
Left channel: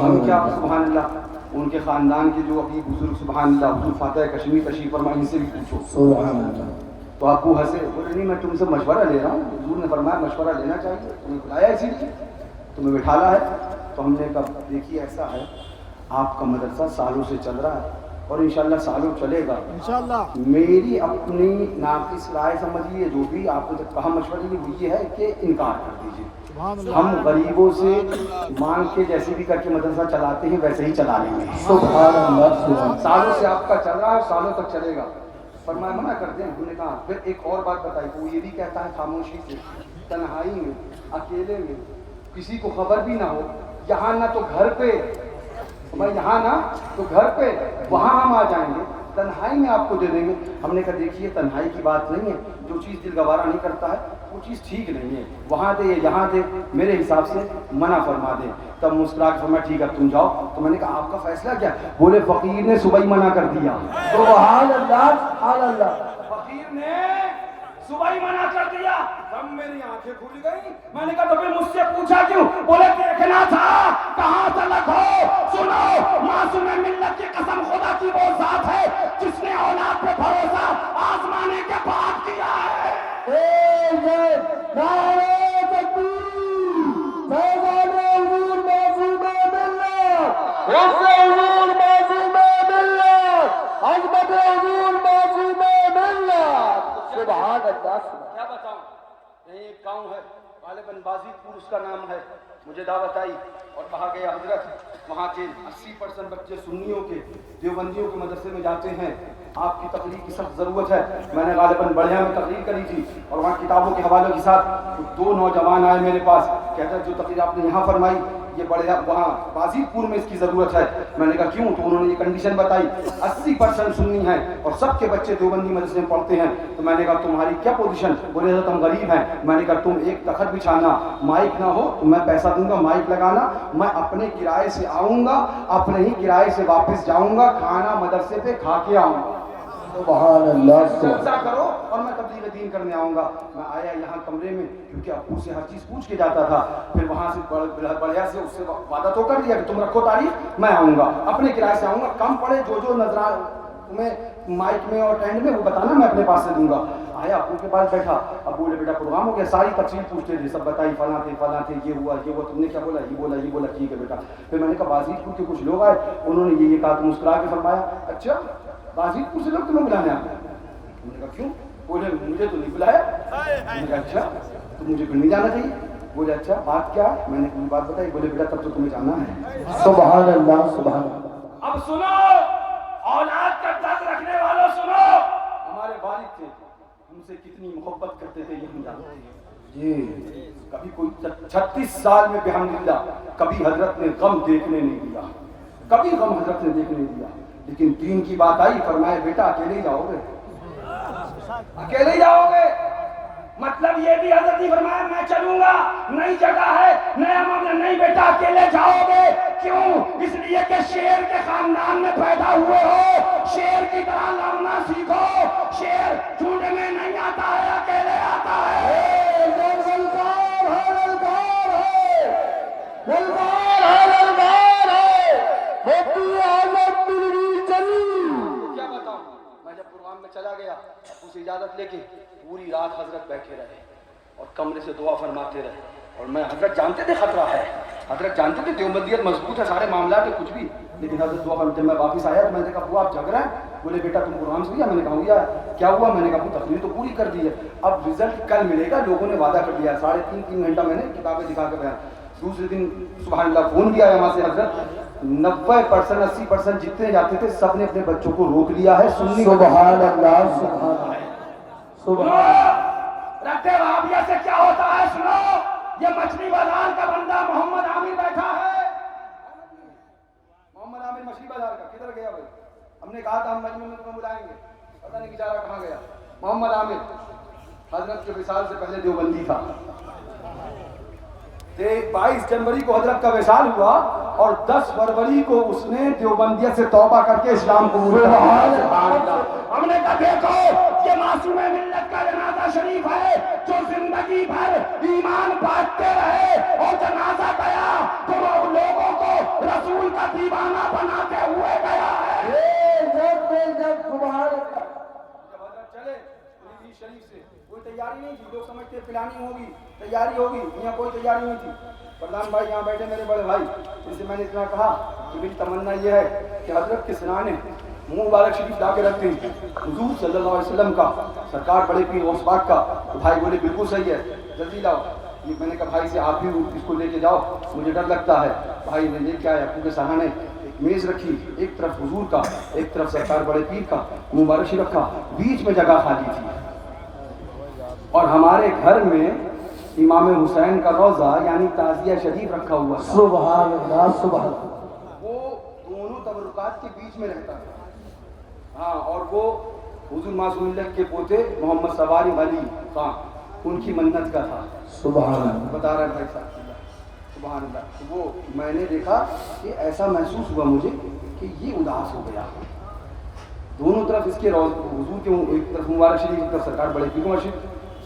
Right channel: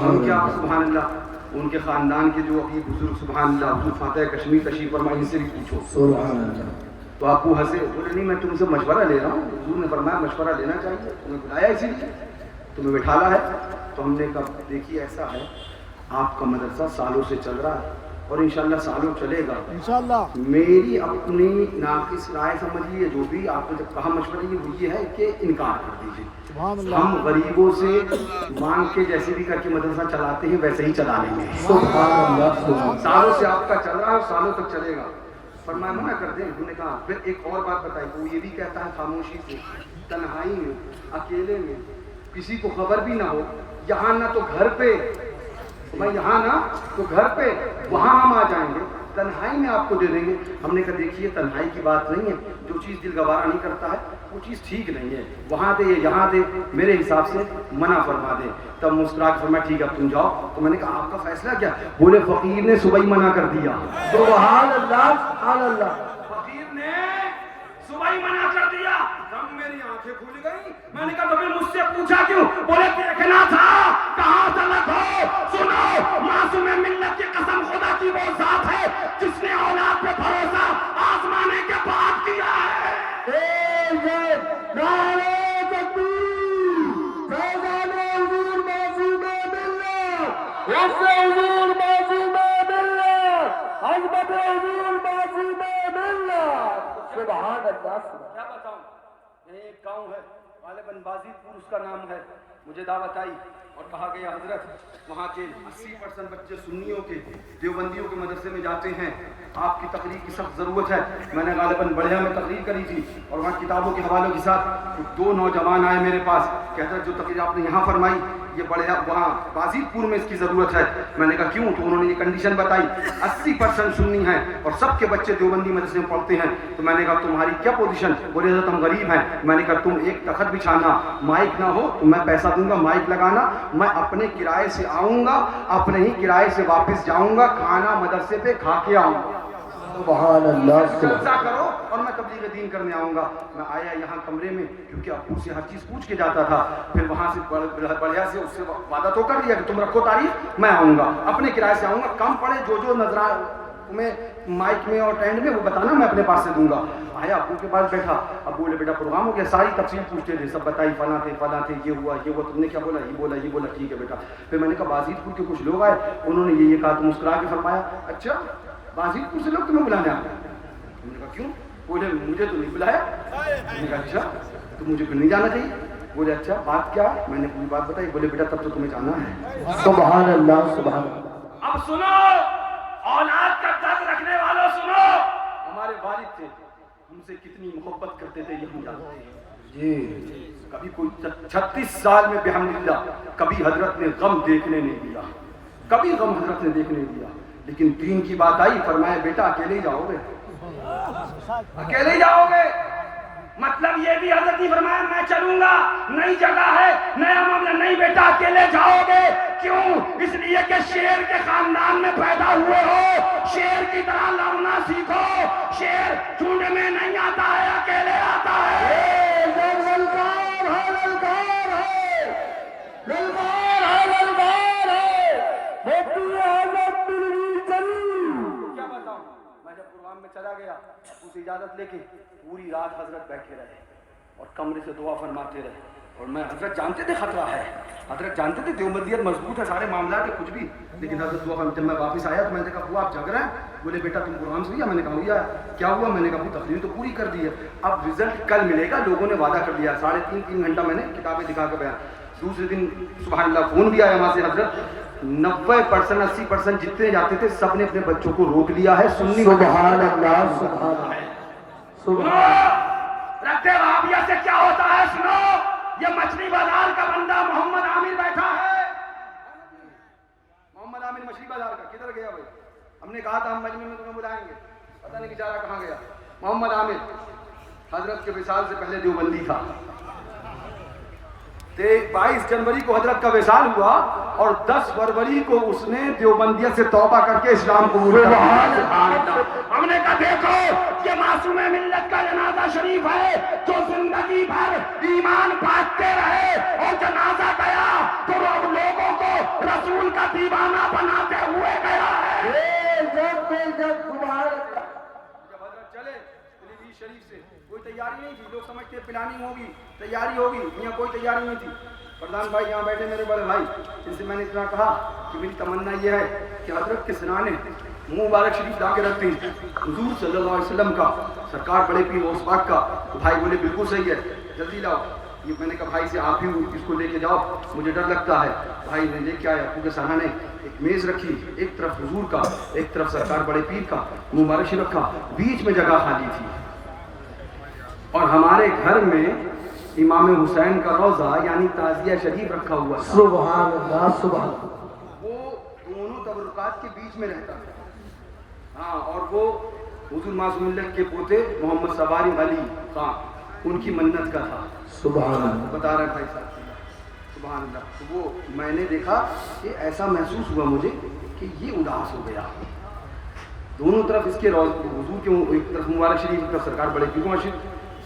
ہم کیا سبحان اللہ، ان کے خاندان کے جو ابھی بزرگ سبحان اللہ حضور فاتح کشمیر تشریف فرمائے، ان سے بھی پوچھو سبحان اللہ۔ تو ابو ہنسے، بولے نہیں میں تم سے مشورہ لے رہا ہوں، حضور نے فرمایا مشورہ لینا چاہیے، تمہیں بلایا اسی لیے، تمہیں بٹھالا ہے۔ تو ہم نے کہا دیکھیے ایسا ہے، آپ کا مدرسہ سالوں سے چل رہا ہے اور انشاءاللہ سالوں چلے گا، انشاءاللہ میری اپنی ناقص رائے سمجھیے، جو بھی آپ نے جب کہا مشورہ وہ یہ ہے کہ انکار کر دیجیے، ہم غریبوں سے مانگ کے جیسے بھی کر کے مدرسہ چلاتے ہیں ویسے ہی چلا لیں گے، سبحان اللہ، سالوں سے آپ کا چل رہا ہے اور سالوں تک چلے گا۔ فرمایا منع کر دیں، ہم نے کہا پھر ایک اور بات بتائی، وہ یہ بھی کہتا ہے خاموشی سے، تنہائی میں، اکیلے میں، کسی کو خبر بھی نہ ہو، یہاں نہ تو گھر پہ، میں یہاں نہ تو گھر پہ، وہاں ہم آ جائیں گے، تنہائی میں آپ کو دے دیں گے۔ ہم نے کہا دیکھیے تنہائی کی بات نہیں ہے، جو چیز دل گوارا نہیں کرتا ہے وہ چیز ٹھیک نہیں ہے، وہاں دے یہاں دے، میرے حساب سے منع فرما دے۔ تب مسکرا کے فرمایا ٹھیک ہے اب تم جاؤ۔ تو میں نے کہا آپ کا فیصلہ کیا؟ بولے فقیر نے صبح ہی منع کر دیا، سبحان اللہ سبحان اللہ، فقیر نے صبح ہی منع کر دیا۔ تب میری آنکھیں کھل گئی، میں نے کہا تو پھر مجھ سے پوچھا کیوں؟ بولے دیکھنا تھا کہاں تلک ہو۔ سنو، معصوم ملت کی قسم خدا کی وہ ذات ہے جس نے اولاد پہ بھروسہ آزمانے کے بعد کیا ہے۔ نعرہ تکبیر، فیضان حضور معصوم ملت، رفع حضور معصوم ملت، عظمت حضور معصوم ملت، سبحان اللہ۔ کیا بتاؤں، ایک گاؤں ہے غالباً بازیت پور اس کا نام ہے، مجھے دعوت آئی اور کہا گیا حضرت وہاں کے 80% بچے سنیوں کے دیوبندیوں کے مدرسے میں جاتے ہیں، آپ کی تقریر کی سخت ضرورت ہے۔ میں نے غالباً بڑھیا میں تقریر کری تھی اور وہاں کتابوں کے حوالوں کے ساتھ دو نوجوان آئے میرے پاس، کہتا ہے جو تقریر آپ نے یہاں فرمائی یہ بڑھیا وہاں بازیت پور میں اس کی ضرورت ہے۔ میں نے کہا کیوں؟ تو انہوں نے یہ کنڈیشن بتائی 80% سنی ہیں اور سب کے بچے دیوبندی مدرسے میں پڑھتے ہیں۔ تو میں نے کہا تمہاری کیا پوزیشن؟ بولے حضرت ہم غریب ہیں۔ میں نے کہا تم ایک تخت بچھانا، مائک نہ ہو تو میں پیسہ دوں گا، مائک لگانا، میں اپنے کرائے سے آؤں گا، اپنے ہی کرائے سے واپس جاؤں گا، کھانا مدرسے پہ کھا کے آؤں گا، سبحان اللہ۔ جلسہ کرو اور میں تبلیغ دین کرنے آؤں گا۔ میں آیا یہاں کمرے میں کیونکہ ابو سے ہر چیز پوچھ کے جاتا تھا، پھر وہاں سے بڑھیا سے اس سے وعدہ تو کر لیا کہ تم رکھو تاریخ، میں آؤں گا، اپنے کرائے سے آؤں گا، کم پڑے جو نظر تمہیں مائک میں اور ٹینڈ میں وہ بتانا، میں اپنے پاس سے دوں گا۔ آیا ابو کے پاس بیٹھا، ابو بولے بیٹا پروگرام ہو گیا، ساری تفصیل پوچھتے تھے، سب بتائی فلاں تھے یہ ہوا تم نے کیا بولا، یہ بولا ٹھیک ہے بیٹا۔ پھر میں نے کہا بازیت پور کے کچھ لوگ آئے، انہوں نے یہ کہا، تو مسکرا کے فرمایا اچھا بازیت پور سے لوگ تمہیں بلانے آتے ہیں؟ میں نے کہا کیوں؟ بولے مجھے تو نہیں بلایا۔ میں نے کہا اچھا تو مجھے پھر نہیں جانا چاہیے؟ بولے اچھا بات کیا ہے؟ میں نے پوری بات بتائی۔ بولے بیٹا تب تو تمہیں جانا ہے۔ سبحان اللہ سبحان اللہ۔ اب سنو، اولاد کا درد رکھنے والوں سنو، ہمارے والد تھے، ہم سے کتنی محبت کرتے تھے یہ ہم جانتے ہیں جی۔ کبھی کوئی 36 سال میں بحمدللہ کبھی حضرت نے غم دیکھنے نہیں دیا، کبھی غم حضرت نے دیکھنے نہیں دیا، لیکن دین کی بات آئی فرمایا بیٹا اکیلے ہی جاؤ گے، اکیلے ہی جاؤ گے۔ مطلب یہ بھی حضرت نے فرمایا میں چلوں گا، نئی جگہ ہے، نیا معاملہ، نہیں بیٹا اکیلے جاؤ گے۔ کیوں؟ اس لیے کہ شیر کے خاندان میں پیدا ہوئے ہو، شیر کی طرح لڑنا سیکھو۔ شیر جھنڈ میں نہیں آتا ہے، اکیلے آتا ہے۔ کیا بتاؤں، میں جب پروگرام میں چلا گیا اسے اجازت لے کے پوری رات حضرت بیٹھے رہے اور کمرے سے دعا فرماتے رہے. اور میں حضرت جانتے تھے خطرہ ہے, حضرت جانتے تھے دیوبندیت مضبوط ہے, سارے معاملات ہے کچھ بھی, لیکن حضرت دعا فرماتے. جب میں واپس آیا تو میں نے کہا ابو آپ جگ رہے ہیں؟ بولے بیٹا تم قرآن سے ہوئی؟ میں نے کہا ہوئی. کیا ہوا؟ میں نے کہا ابو تقریر تو پوری کر دی ہے, اب رزلٹ کل ملے گا, لوگوں نے وعدہ کر دیا. 3.5 گھنٹہ میں نے کتابیں دکھا کے بیان. دوسرے دن سبحان اللہ فون بھی آیا وہاں سے, حضرت 90% 80% جتنے جاتے تھے سب نے اپنے بچوں کو روک لیا ہے. سنی سبحان اللہ سبحان اللہ سبحان. رکھتے وہابیہ سے کیا ہوتا ہے سنو. یہ مچھلی بازار کا بندہ محمد عامر بیٹھا ہے. محمد عامر مچھلی بازار کا کدھر گیا بھائی؟ ہم نے کہا تھا ہم مجمع میں تمہیں بلائیں گے, پتہ نہیں بیچارہ کہاں گیا. محمد عامر حضرت کے وصال سے پہلے دیوبندی تھا. 22 جنوری کو حضرت کا وصال ہوا اور 10 فروری کو اس نے دیوبندیت سے توبہ کر کے اسلام قبول کیا. ہم نے کہا دیکھو یہ معصوم ملت کا جنازہ شریف ہے جو زندگی بھر ایمان بانٹتے رہے, اور جنازہ گیا تو لوگوں کو رسول کا دیوانہ بناتے ہوئے گیا ہے. جب حضرت چلے شریف سے کوئی تیاری نہیں تھی. لوگ سمجھتے پلاننگ ہوگی, تیاری ہوگی, یہاں کوئی تیاری نہیں تھی. پردھان بھائی یہاں بیٹھے میرے بڑے بھائی, ان سے میں نے اتنا کہا کہ میری تمنا یہ ہے کہ حضرت کے سرانے منہ مبارک شریف لا کے رکھتے ہیں حضور صلی اللہ علیہ وسلم کا, سرکار بڑے پیر غوث پاک کا. تو بھائی بولے بالکل صحیح ہے, جلدی لاؤ. یہ میں نے کہا بھائی سے آپ ہی اس کو لے کے جاؤ, مجھے ڈر لگتا ہے. بھائی نے لے کے آیا ابو کے سرانے, ایک میز رکھی, ایک طرف حضور کا, ایک طرف سرکار بڑے پیر کا, منہ مبارک شریف رکھا, بیچ میں جگہ خالی تھی. اور ہمارے گھر میں امام حسین کا روضہ یعنی تعزیہ شریف رکھا ہوا تھا. سبحان اللہ سبحان اللہ. وہ دونوں تبرکات کے بیچ میں رہتا تھا. ہاں, اور وہ حضور معصوم اللہ کے پوتے محمد سواری علی خان, ان کی منت کا تھا. سبحان اللہ. بتا رہا بھائی صاحب سبحان اللہ. تو وہ میں نے دیکھا کہ ایسا محسوس ہوا مجھے کہ یہ اداس ہو گیا. دونوں طرف اس کے حضور کے ایک طرف مبارک شریف, ایک طرف سرکار بڑے پیر شریف,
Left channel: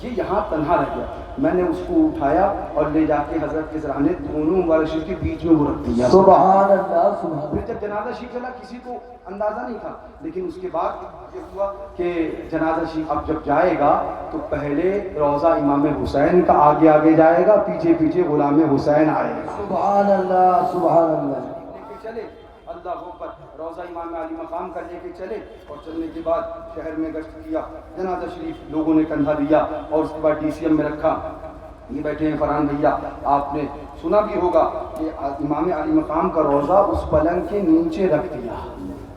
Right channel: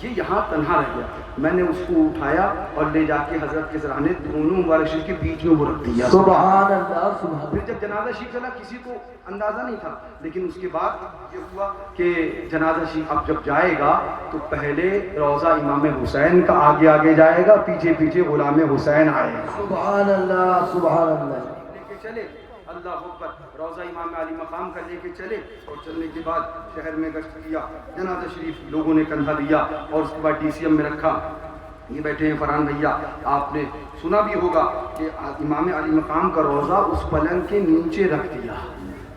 یہ یہاں تنہا رہ گیا. میں نے اس کو اٹھایا اور لے جا کے حضرت کے سرانے دونوں مبارک شریف کے بیچ میں وہ رکھ دیا. سبحان اللہ سبحان اللہ. پھر جب جنازہ شریف چلا کسی کو اندازہ نہیں تھا, لیکن اس کے بعد یہ ہوا کہ جنازہ شریف اب جب جائے گا تو پہلے روضہ امام حسین کا آگے آگے جائے گا, پیچھے پیچھے غلام حسین آئے گا. سبحان اللہ سبحان اللہ. لے کے چلے اللہ اکبر, روضہ امام علی مقام کا لے کے چلے, اور چلنے کے بعد شہر میں گشت کیا. جنازہ شریف لوگوں نے کندھا دیا اور اس کے بعد ڈی سی ایم میں رکھا. یہ بیٹھے ہیں فرحان بھیا, آپ نے سنا بھی ہوگا کہ امام علی مقام کا روضہ اس پلنگ کے نیچے رکھ دیا,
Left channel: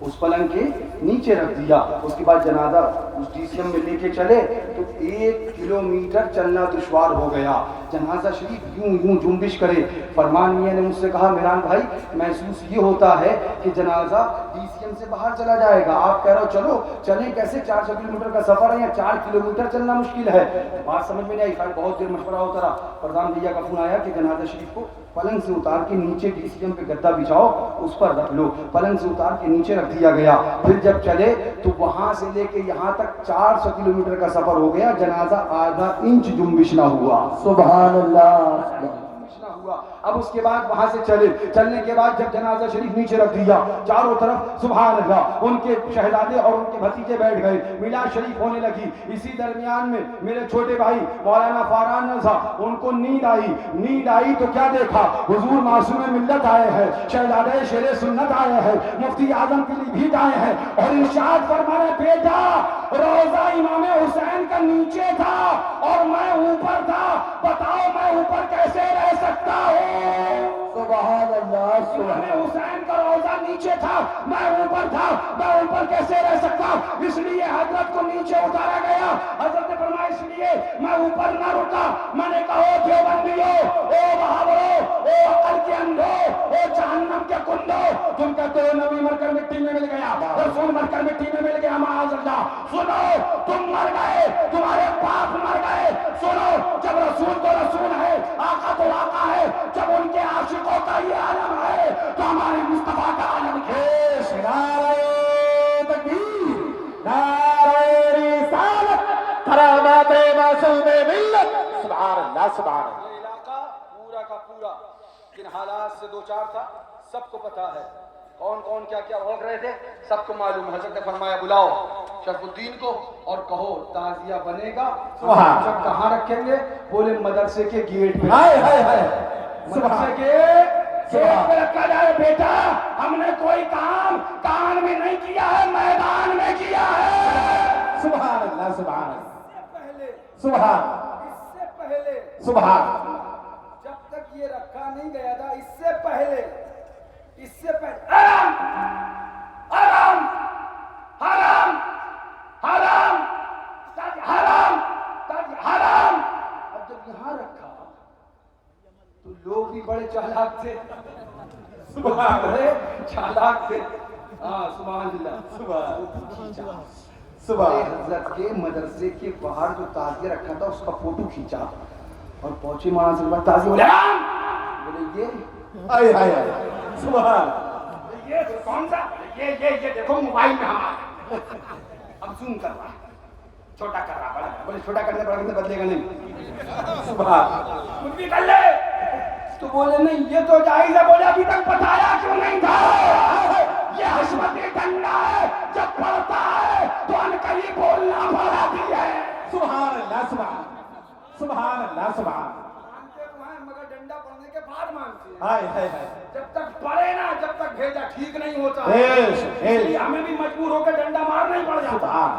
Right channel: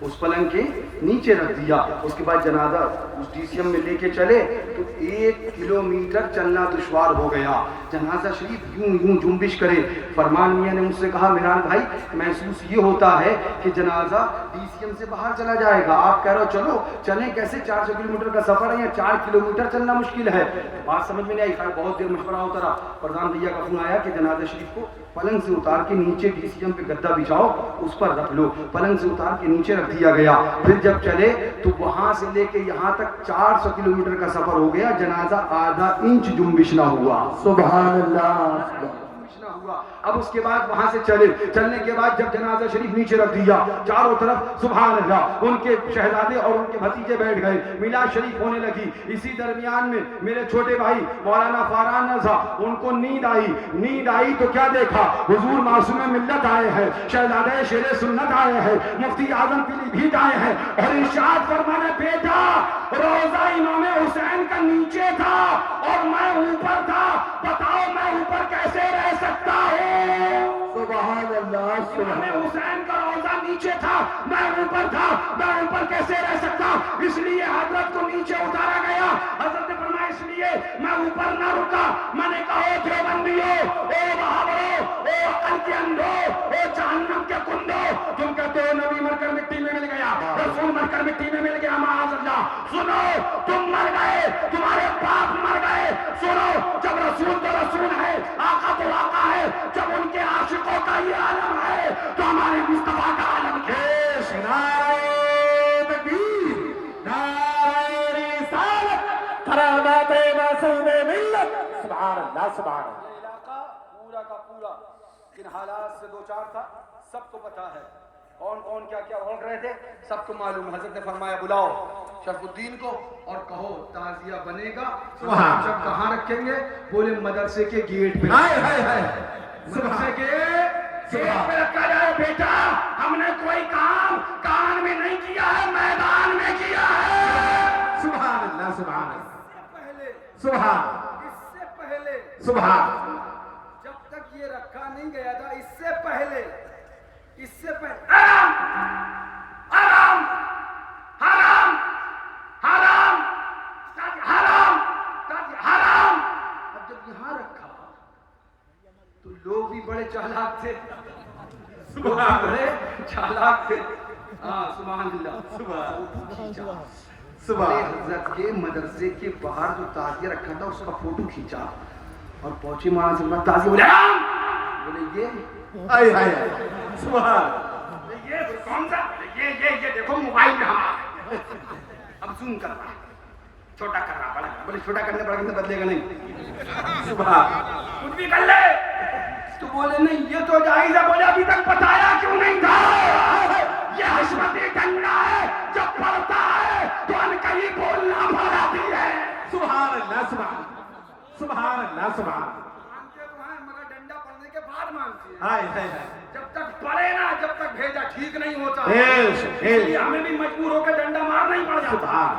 اس پلنگ کے نیچے رکھ دیا. اس کے بعد جنازہ اس ڈی سی ایم میں لے کے چلے تو 1 کلومیٹر چلنا دشوار ہو گیا. جنازہ شریف یوں یوں جنبش کرے. فرمان میاں نے مجھ سے کہا میران بھائی محسوس یہ ہوتا ہے کہ جنازہ ڈی سی ایم سے باہر چلا جائے گا, آپ کہہ رہے ہو چلو, چلیں کیسے؟ 400 کلومیٹر کا سفر ہے, یا 4 کلومیٹر چلنا مشکل ہے. بات سمجھ میں نہیں آئی. بہت دیر مشورہ ہوتا رہا. پردھان بھیا کا فون آیا کہ جنازہ شریف کو پلنگ سے اتار کے نیچے ڈی سی ایم پہ گدا بچھاؤ, اس پر رکھ لو. پلنگ سے اتار کے نیچے رکھ دیا گیا. پھر جب چلے تو وہاں سے لے کے یہاں تک 400 کلومیٹر کا سفر ہو گیا. جنازہ آدھا انچ جنبش نہ ہوا. سبحان اللہ. ہوا. اب اس کے بعد وہاں سے چلے, چلنے کے بعد جب جنازہ شریف نیچے رکھ دیا, چاروں طرف سبحان اللہ ان کے شہزادے اور ان کے بھتیجے بیٹھ گئے. میلاد شریف ہونے لگی. اسی درمیان میں میرے چھوٹے بھائی مولانا فاران نذا, ان کو نیند آئی تو کیا دیکھا, حضور معصوم ملت آئے ہیں, شہزادے شیر سنت آئے ہیں, مفتی اعظم کے لیے بھی آئے ہیں, اور ارشاد فرمانا بیٹا روضہ امام حسین کا نیچے تھا اور میں اوپر تھا, بتاؤ میں اوپر کیسے رہ سکتا ہوں. سبحان اللہ. امام حسین کا روضہ نیچے تھا, میں اوپر تھا, میں اوپر کیسے رہ سکتا. اس لیے حضرت کو نیچے اتارا گیا. حضرت نے فرمایا اس لیے میں اوپر نہ رکا. میں نے کہا او دیوبندیو, او بہاورو, او عقل کے اندھو, او جہنم کے کندو, تم کہتے ہو نبی مر کر مٹی میں مل گیا, رسول مر کر مٹی میں مل گیا, معاذ اللہ. سنو تم مر گئے, تمہارے باپ مر گئے. سنو جب رسول تو رسول ہے, آقا تو آقا ہے, جب ان کے عاشقوں کا یہ عالم ہے تو ہمارے مصطفیٰ کا عالم ہے. نعرہ تکبیر, نعرہ رسالت, کرامات معصوم ملت. سبحان اللہ سبحان اللہ. یہ علاقہ پورا کا پورا جن حالات سے دو چار تھا سب کو پتا ہے, کون کون کیا کیا روک رہے تھے سب کو معلوم. حضرت نے فرمایا بلاؤ شرف الدین کو اور کہو تعزیہ بنے گا. جب کہاں رکھیں گے؟ بولے مدرسے کے گیٹ پہ. مدرسے کے گیٹ پہ رکھا جائے. بیٹا ہم نے کوئی کام کان میں نہیں کیا ہے, میدان میں کیا ہے. سبحان اللہ سبحان اللہ پہلے سبحان اس سے پہلے سبحان جب تک یہ رکھا نہیں گیا تھا, اس سے پہلے حرام حرام حرام حرام حرام حرام. اب جب یہاں رکھا تو لوگ بھی بڑے چالاک تھے. بڑے چالاک تھے. ہاں سبحان اللہ. بڑے حضرت کے مدرسے کے باہر جو تعزیہ رکھا تھا اس کا فوٹو کھینچا اور پہنچے مولانا سے بات تعزیہ. بولے یہ آئے آئے سبحان. یہ کون سا یہ دیکھو موبائل میں ہمارا اب زوم کر رہا چھوٹا کر رہا بڑا. بولے چھوٹا کرنے پڑا کہ بدلے گا نہیں. سبحان کچھ بھی کر لے. تو بولے نہیں یہ تو جائز ہے. بولے ابھی تک بتایا کیوں نہیں تھا؟ یہ حشمتی ڈنڈا ہے, جب پڑتا ہے تو ان کا ہی بولنا پڑا بھی ہے. سبحان اللہ سبحان سبحان اللہ سبحان. مانتے تو ہیں مگر ڈنڈا پڑنے کے بعد مانتے ہیں. ہائے ہائے ہائے جب تک پڑے نا, جب تک بھیجا ٹھیک نہیں ہوتا. عشق اس لیے ہمیں بھی مجبور ہو کے ڈنڈا مارنا ہی پڑ جاتا. سبحان.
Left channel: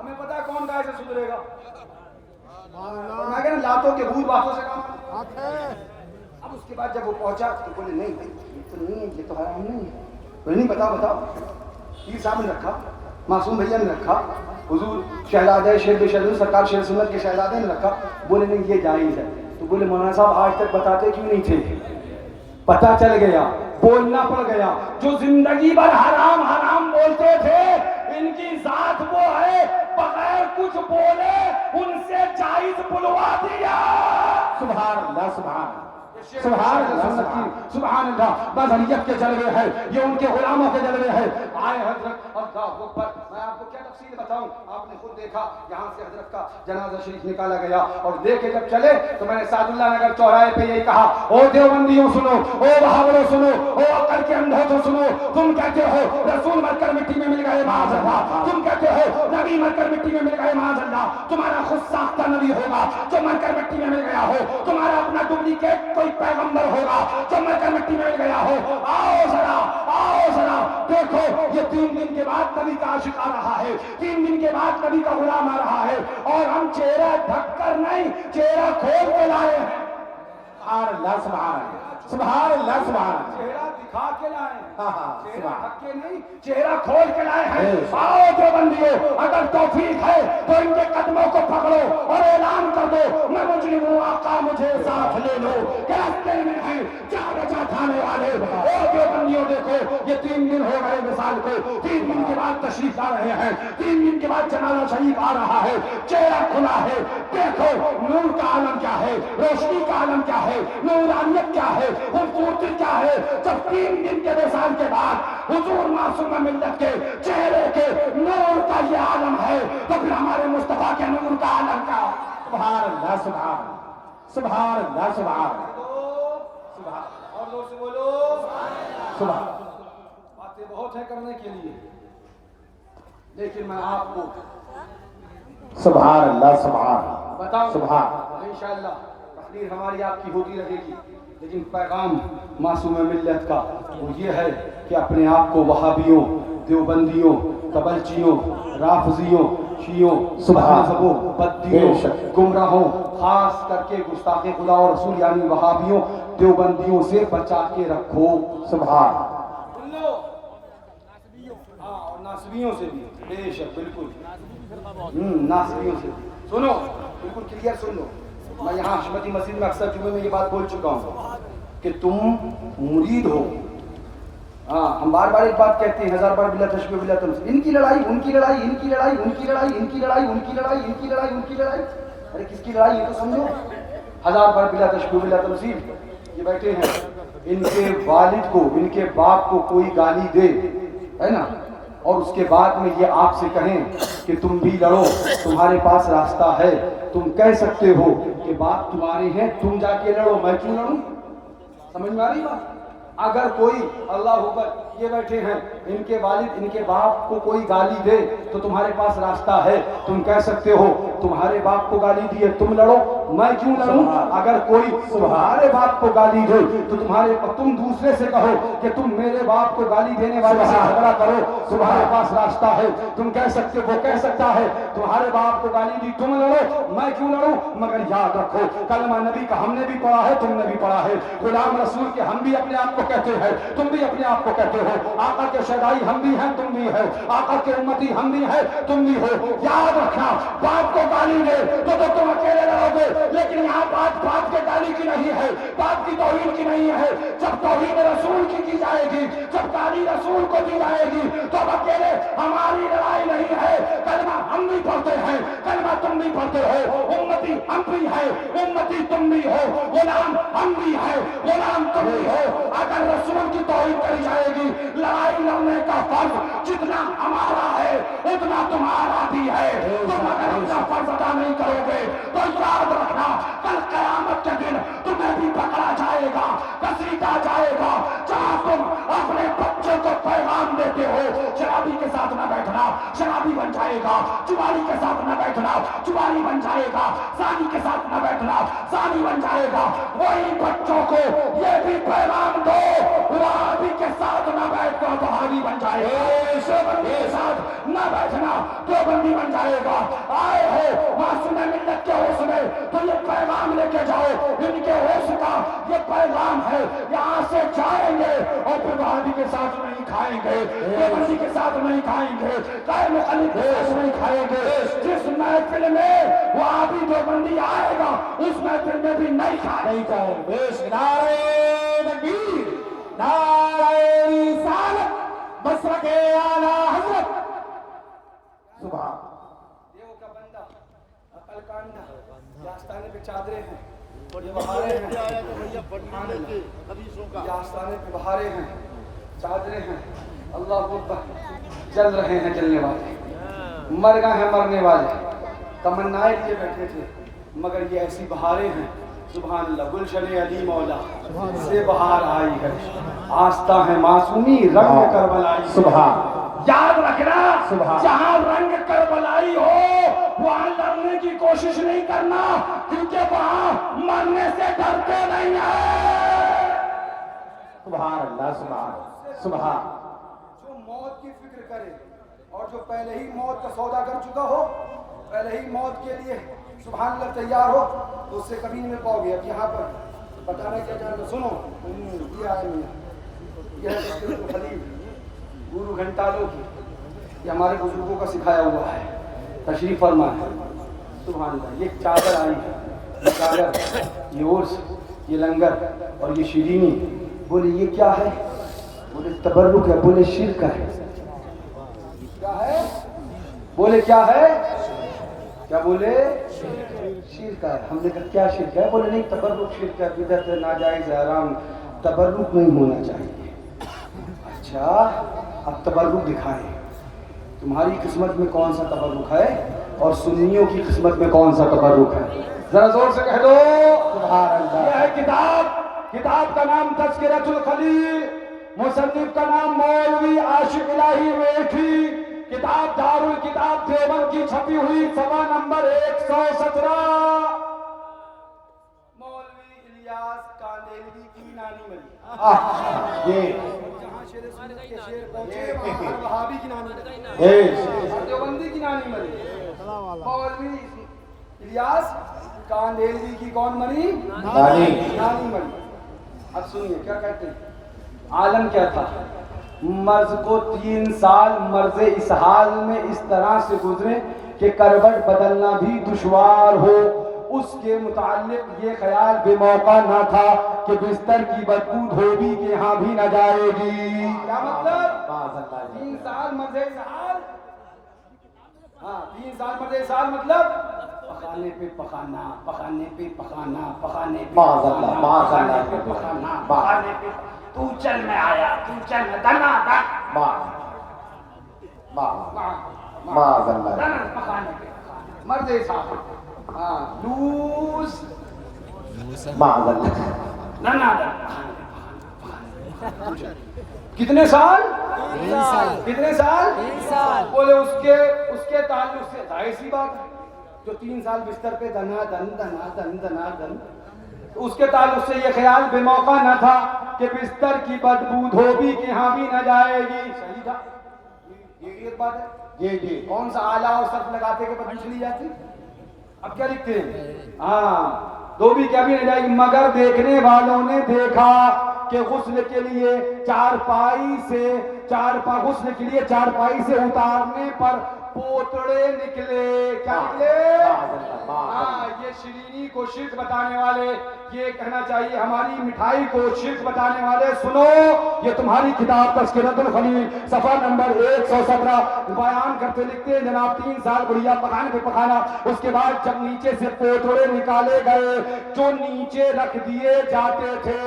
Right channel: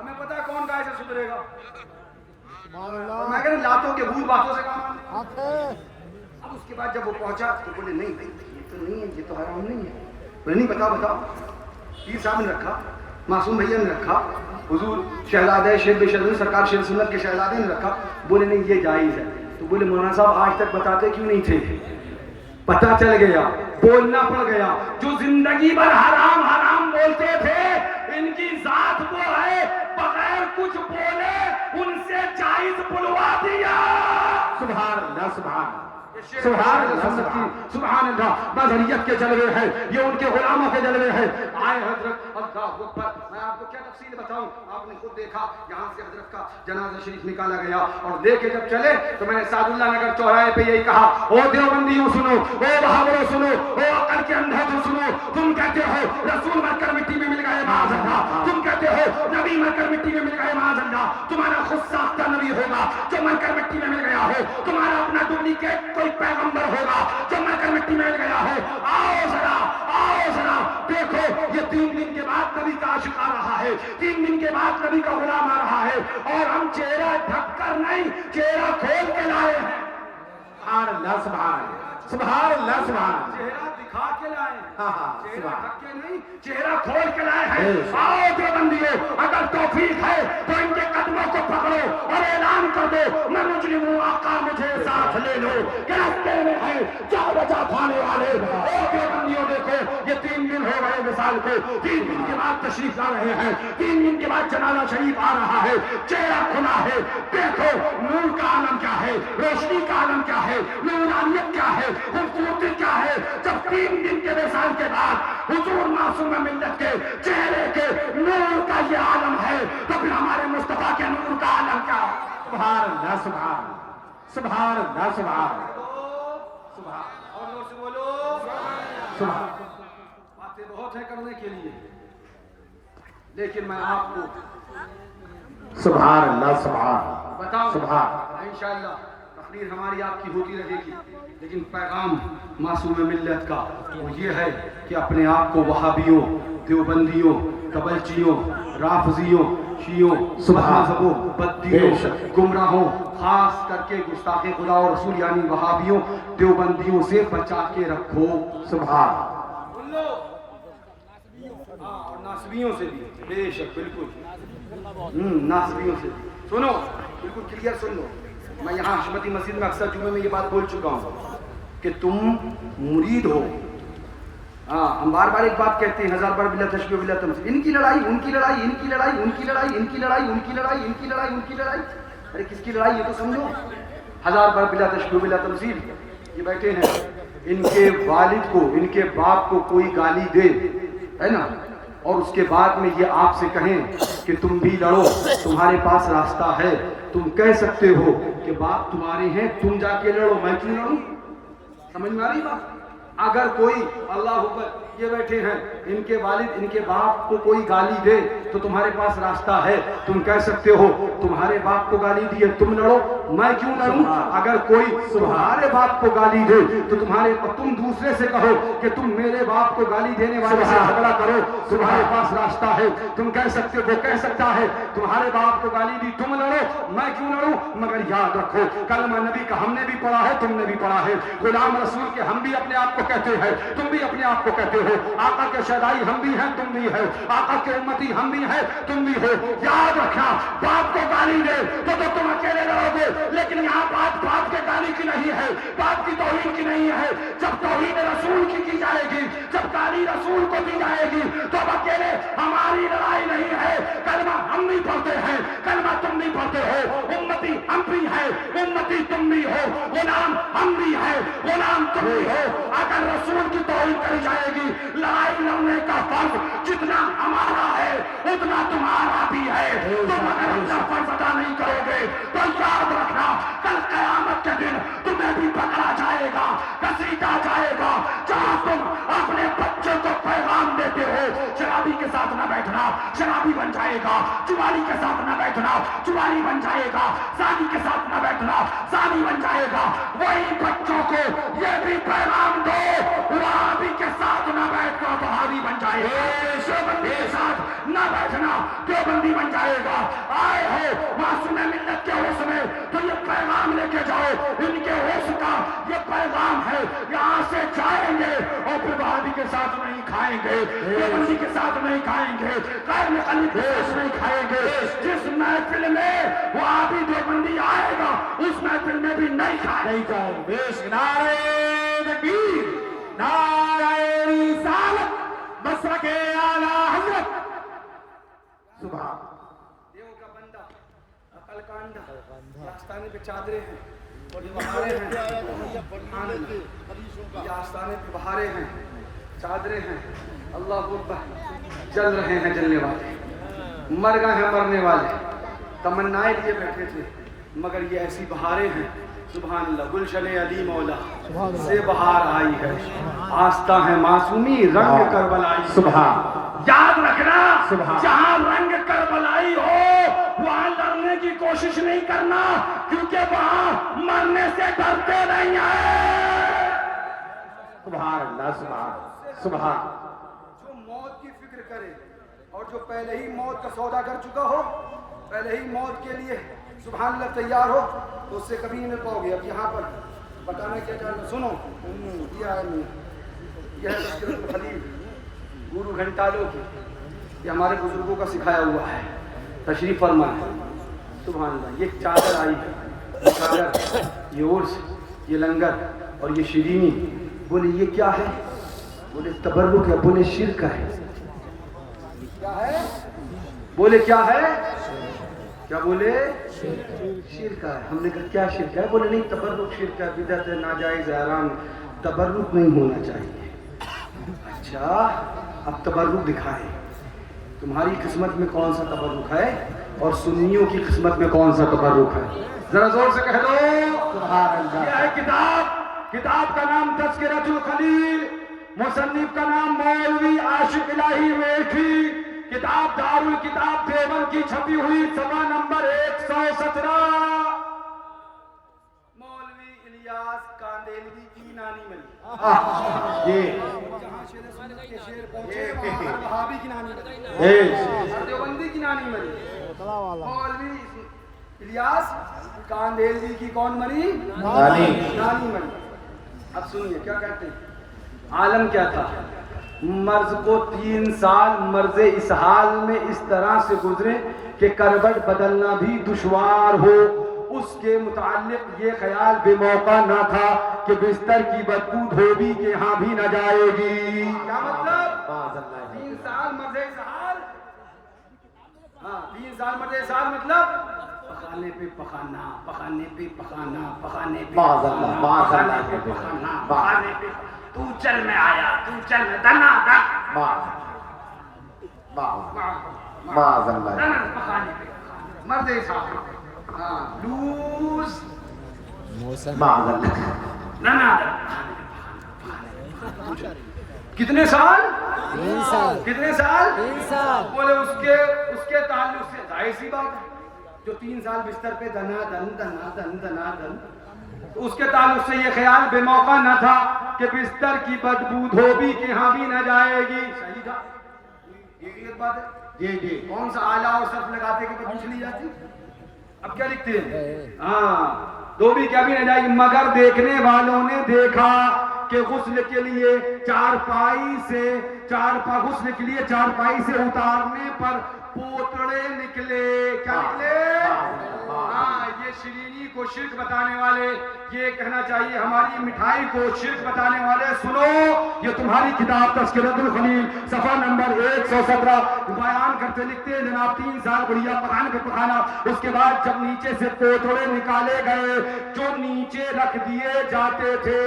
ہمیں پتا ہے کون گائے سے سدھرے گا. اور میں کہہ رہا لاتوں کے بھوت باتوں سے کام آتے. اب اس کے بعد جب وہ پہنچا تو بولے نہیں بھائی یہ تو نہیں ہے, یہ تو حرام نہیں ہے. بولے نہیں بتاؤ. پیر صاحب نے رکھا, معصوم بھیا نے رکھا, حضور شہزادہ شیخ بے شرف سرکار شیر سنت کے شہزادے نے رکھا. بولے نہیں یہ جائز ہے. تو بولے مولانا صاحب آج تک بتاتے کیوں نہیں تھے؟ پتہ چل گیا, بولنا پڑ گیا. جو زندگی بھر حرام حرام بولتے تھے ان کی ذات وہ ہے بغیر کچھ بولے ان سے جائز بلوا دیا. سبحان اللہ سبحان سبحان اللہ سبحان اللہ. بظریت کے جلوے ہیں, یہ ان کے غلاموں کے جلوے ہیں. آئے حضرت اللہ اکبر. میں آپ کو کیا تفصیل بتاؤں, آپ نے خود دیکھا یہاں سے حضرت کا جنازہ شریف نکالا گیا اور لے کے جب چلے تو میں نے سعد اللہ نگر چوراہے پہ یہی کہا, او دیوبندیوں سنو, او بہاولوں سنو, او عقل کے اندھے تو سنو. تم کہتے ہو رسول مر کر مٹی میں مل گئے معاذ اللہ, تم کہتے ہو نبی مر کر مٹی میں مل گئے معاذ اللہ. تمہارا خود ساختہ نبی ہوگا جو مر کر مٹی میں مل گیا ہو, تمہارا اپنا ڈپلیکیٹ کوئی پیغمبر ہوگا جو مر کر مٹی میں مل گیا ہو. آؤ ذرا دیکھو, یہ 3 دن کے بعد نبی کا عاشق آ رہا ہے, 3 دن کے بعد نبی کا غلام آ رہا ہے, اور ہم چہرہ ڈھک کر نہیں چہرہ کھول کے لائے ہیں. سبحان اللہ سبحان سبحان اللہ سبحان. چہرہ دکھا کے لائے, چہرہ ڈھک کے نہیں چہرہ کھول کے لائے ہیں. آؤ جو بندیوں, اگر توفیق ہے تو ان کے قدموں کو پکڑو اور اعلان کر دو میں مجرم ہوں, آقا مجھے ساتھ لے لو. راستے میں ہے کیا بچا کھانے والے. او جو بندیوں دیکھو, یہ 3 دن ہو گئے مثال کو, 3 دن کے بعد تشریف لا رہے ہیں, 3 دن کے بعد جنازہ شریف آ رہا ہے. چہرہ کھلا ہے, دیکھو نور کا عالم کیا ہے, روشنی کا عالم کیا ہے, نورانیت کیا ہے, خوبصورتی کیا ہے. جب 3 دن کے وصال کے بعد حضور معصوم ملت کے چہرے کے نور کا یہ عالم ہے تو پھر ہمارے مصطفیٰ کے نور کا عالم کیا ہے. سبحان اللہ سبحان سبحان اللہ سبحان سبحان. اور زور سے بولو. سبحان. باتیں بہت ہیں کرنے کے لیے, لیکن میں آپ کو سبحان اللہ سبحان بتاؤں سبحان. انشاءاللہ تقریر ہماری آپ کی ہوتی رہے گی, لیکن پیغام معصوم ملت کا وہ یہ ہے کہ اپنے آپ کو وہابیوں, دیوبندیوں, کبلچیوں, رافضیوں, شیعوں, مذہبوں, بدیوں, گمراہوں, خاص کر کے گستاخ خدا اور رسول یعنی وہابیوں, دیوبندیوں سے بچا کے رکھو. سبحان. سن لو, ہاں اور ناسبیوں سے بھی. بے شک بالکل ناسبیوں سے سنو, بالکل کلیئر سن لو. میں یہاں حشمتی مسجد میں اکثر جمعے میں یہ بات بول چکا ہوں کہ تم مرید ہو. ہاں ہم بار بار ایک بات کہتے ہیں, 1000 بار بلا تشبیہ بلا تمثیل. ان کی لڑائی, ان کی لڑائی, ان کی لڑائی, ان کی لڑائی, ان کی لڑائی, ان کی لڑائی, ان کی لڑائی, ان کی لڑائی. ارے کس کی لڑائی یہ تو سمجھو. 1000 بار بلا تشبیہ بلا تمثیل. یہ بیٹھے ہیں, ان کے والد کو, ان کے باپ کو کوئی گالی دے, ہے نا, اور اس کے بعد میں یہ آپ سے کہیں کہ تم بھی لڑو, تمہارے پاس راستہ ہے, تم کہہ سکتے ہو کہ باپ تمہارے ہیں, تم جا کے لڑو, میں کیوں لڑوں. سمجھ میں آ رہی بات؟ اگر کوئی اللہ اکبر یہ بیٹھے ہیں ان کے والد ان کے باپ کو کوئی گالی دے تو تمہارے پاس راستہ ہے, تم کہہ سکتے ہو تمہارے باپ کو گالی دی ہے تم لڑو, میں کیوں لڑوں. اگر کوئی تمہارے باپ کو گالی دے تو تم دوسرے سے کہو کہ تم میرے باپ کو گالی دینے والے سے جھگڑا کرو, تمہارے پاس راستہ ہے. تم کہہ سکتے وہ کہہ سکتا ہے تمہارے باپ کو گالی دی تم لڑو, میں کیوں لڑوں. مگر یاد رکھو کلمہ نبی کا ہم نے بھی پڑھا ہے تم نے بھی پڑھا ہے, غلام رسول کے ہم بھی اپنے آپ کو کہتے ہیں تم بھی اپنے آپ کو کہتے ہو, آقا کے شہدائی ہم بھی ہیں تم بھی ہو, آقا کے امتی ہم بھی ہیں تم بھی ہو. یاد رکھنا باپ کو گالی دے تو تم اکیلے لڑو گے, لیکن یہاں بات باپ کے گالی کی نہیں ہے, باپ کی توہین کی نہیں ہے. جب توہین رسول کی جائے گی, جب گالی رسول کو دی جائے گی تو اب اکیلے ہماری لڑائی نہیں ہے. کلمہ ہم بھی پڑھتے ہیں, کلمہ تم بھی پڑھتے ہو, امتی ہم بھی ہے, امتی تم بھی ہو, غلام ہم بھی ہے, غلام تم بھی ہو. اگر رسول کی توہین کری جائے گی, لڑائی لڑنے کا فرض جتنا ہمارا ہے اتنا تمہارا بھی ہے. تم اگر اپنا فرض ادا نہیں کرو گے تو یاد رکھنا کل قیامت کے دن تمہیں بھی پکڑا جائے گا, گھسیٹا جائے گا. جہاں تم اپنے بچوں کو پیغام دیتے ہو شرابی کے ساتھ نہ بیٹھنا, شرابی بن جائے گا. چواری کے ساتھ نہ بیٹھنا, چواری بن جائے گا. زانی کے ساتھ نہ بیٹھنا, زانی بن جائے گا. وہی بچوں کو یہ بھی پیغام دو وہابی کے ساتھ نہ بیٹھ کر وہابی بن جائے گا, دیوبندی کے ساتھ نہ بیٹھنا دیوبندی بن جائے گا. آئے ہو معصوم ملت کے ہوش میں تو یہ پیغام لے کے جاؤ, ان کے ہوش کا یہ پیغام ہے. یہاں سے جائیں گے اور پھر وہابی کے ساتھ نہیں کھائیں گے, دیوبندی کے ساتھ نہیں کھائیں گے, غیر مخالف کے ساتھ نہیں کھائیں گے. جس محفل میں وہابی دیوبندی آئے گا اس محفل میں بھی نہیں کھائیں گے. نعرہ تکبیر, نعرہ رسالت, مسلک اعلی حضرت. سبحان دیو کا بندہ عقل کانڈا, یہ آستانے پہ چادریں ہیں اور یہ بہاریں ہیں, یہ آستانے پہ بہاریں ہیں, چادریں ہیں. اللہ اکبر, جل رہے ہیں جلنے والے, مر گئے ہیں مرنے والے. تمنائیں لیے بیٹھے تھے مگر یہ ایسی بہاریں ہیں. سبحان اللہ, گلشن علی مولا سے بہار آئی ہے, آستہ ہے معصومی رنگ کربلائی. سبحان, یاد رکھنا سبحان. جہاں رنگ کربلائی ہو وہاں لڑنے کی کوشش نہیں کرنا, کیونکہ وہاں مرنے سے ڈرتے نہیں ہیں. سبحان اللہ, سبحان, سبحان. جو موت کی فکر کرے اور جو پہلے ہی موت کا سودا کر چکا ہو, پہلے ہی موت کے لیے سبحان اللہ تیار ہو, تو اس سے کبھی نہیں مل پاؤ گے. اب یہاں پر بتانا کیا چاہتا, سنو یہ ہے یہ ہے تذکرۃ الخلیل گورو گھنٹالو کی, یہ ہمارے بزرگوں کا سکھایا ہوا ہے. تشریف فرمائیں. سبحان اللہ. یہ چادر آئی ہے, یہ چادر, یہ عرس, یہ لنگر اور یہ شیرینی. بولے یہ کیا ہے؟ بولے تبرک ہے. بولے شرک ہے. کیا ہے؟ بولے کیا ہے؟ کیا بولے؟ شرک ہے. ہم نے کہا کیا شرک ہے؟ بولے نہیں تبرک شرک ہے, بدعت ہے, ناجائز ہے, حرام, تبرک نہیں ہونا چاہیے. اچھا اب تبرک دکھائیں, تمہاری قسمت میں کون سا تبرک ہے اور سنیوں کی قسمت میں کون سا تبرک ہے؟ ذرا زور سے کہہ دو. سبحان اللہ. یہ ہے کتاب, کتاب کا نام تذکرۃ الخلیل, مصنف کا نام مولوی عاشق الہی میٹھی, کتاب دار الکتاب دیوبند کی چھپی ہوئی, صفحہ نمبر 117. مولوی الیاس کاندیلوی کی نانی مری. یہ جہاں شیر سنت کے شیر پہنچے وہاں ہر وہابی کی نانی مری, ہر دیوبندی کی نانی مری. مولوی الیاس کاندیلوی کی کون مری؟ نانی مری. اب سنیے کیا کہتے ہیں. عالم کیا تھا؟ مرض کو 3 سال مرض اس حال میں اس طرح سے گزرے کہ کروٹ بدلنا بھی دشوار ہو. اس کے متعلق یہ خیال بے موقع نہ تھا کہ بستر کی بدبو دھوبی کے ہاں بھی نہ جائے گی. کیا مطلب؟ 3 سال مرض اس حال, ہاں 3 سال مرض اس حال مطلب پخانے پہ پخانا, پخانے پہ پخانا, پخانے پہ پخانا, پخانے پہ پخانا, پخانے پہ تو چل میں آیا, تو چل میں دنا دن, دنا پخانے پہ پخانا, مرض اس حال. ہاں لوز, دنا دن, کتنے سال؟ 3 سال. کتنے سال؟ 3 سال. بولے اس کے تعلق سے ظاہر سی بات ہے، جو 3 سال بستر پہ دنا دن تو اس کے تعلق سے یہ خیال بے موقع نہ تھا کہ بستر کی بدبو دھوبی کے ہاں بھی نہ جائے گی. صحیح تھا، یہ ایک بات ہے. جی کون سا آلہ اور صرف لگاتے کہ بدبو چلی جاتی؟ اب کیا لکھتے ہیں؟ ہاں، دھوبی کیا بھی نہ جائے گی، مگر دیکھنے والوں نے دیکھا کہ غسل کے لیے چارپائی سے اتارنے پر پوتڑے نکلے. کیا نکلے؟ ہاں، یہ شیرینی کو شرک بتانے والے، یہ کہنا چاہیے ہماری مٹھائی کو شرک بتانے والے، سنو، یہ تمہاری کتاب تذکرۃ الخلیل صفحہ نمبر 117 بیان کرتے لکھتے ہیں جناب 3 سال بڑھیا پکانے پہ پکانا، اس کے بعد جب نیچے سے پوتڑے نکالے گئے جو نیچے رکھ دیے جاتے تھے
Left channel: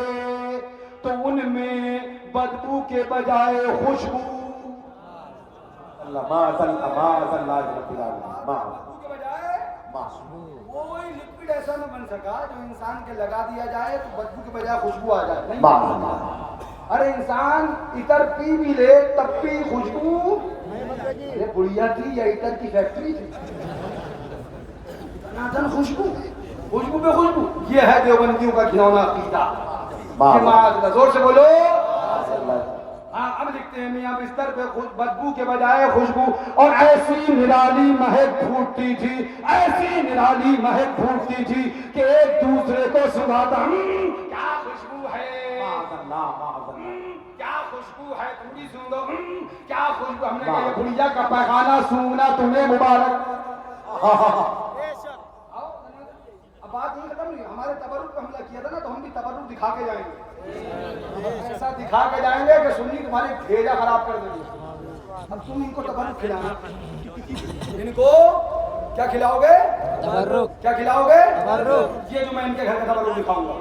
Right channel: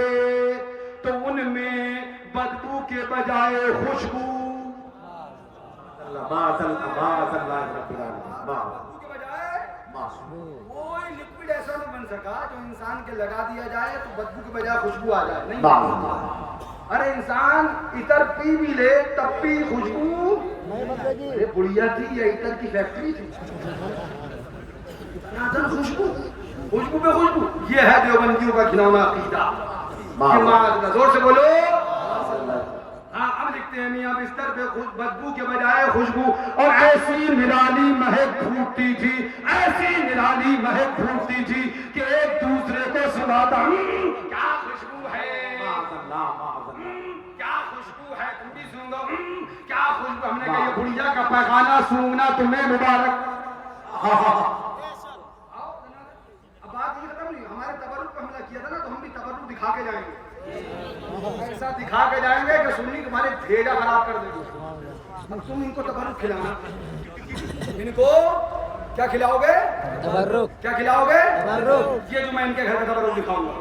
تو ان میں بدبو کے بجائے خوشبو، کوئی لکوڈ ایسا نہ بن سکا جو انسان کے لگا دیا جائے تو بدبو کے بجائے خوشبو آ جائے. نہیں، ارے انسان عطر پی بھی لے تب بھی خوشبو. ارے بڑھیا تھی یا عطر کی فیکٹری تھی؟ خوشبو پہ خوشبو. یہ ہے دیوبندیوں کا گھنونا عقیدہ. زور سے بولو. ہاں، اب لکھتے ہیں میاں بستر پہ بدبو کے بجائے خوشبو، اور ایسی نرالی مہک پھوٹتی تھی کہ ایک دوسرے کو سناتا، کیا خوشبو ہے، کیا خوشبو ہے، تم بھی سونگو، کیا خوشبو. ہم نے کہا یہ بڑھیا کا پیخانہ سونگنا تمہیں مبارک. اب بات یہ ختم نہیں، ہمارے تبرک پہ حملہ کیا تھا نا، تو ہم بھی تبرک دکھا کے جائیں گے. ایسا دکھا کے جائیں گے کہ سنی تمہاری بھیجا خراب کر دیں گے. اب تم ان کو تبرک کھلانا، ان کو کیا کھلاؤ گے؟ تبرک. کیا کھلاؤ گے؟ تبرک. یہ جو میں ان کے گھر کا تبرک دکھاؤں گا.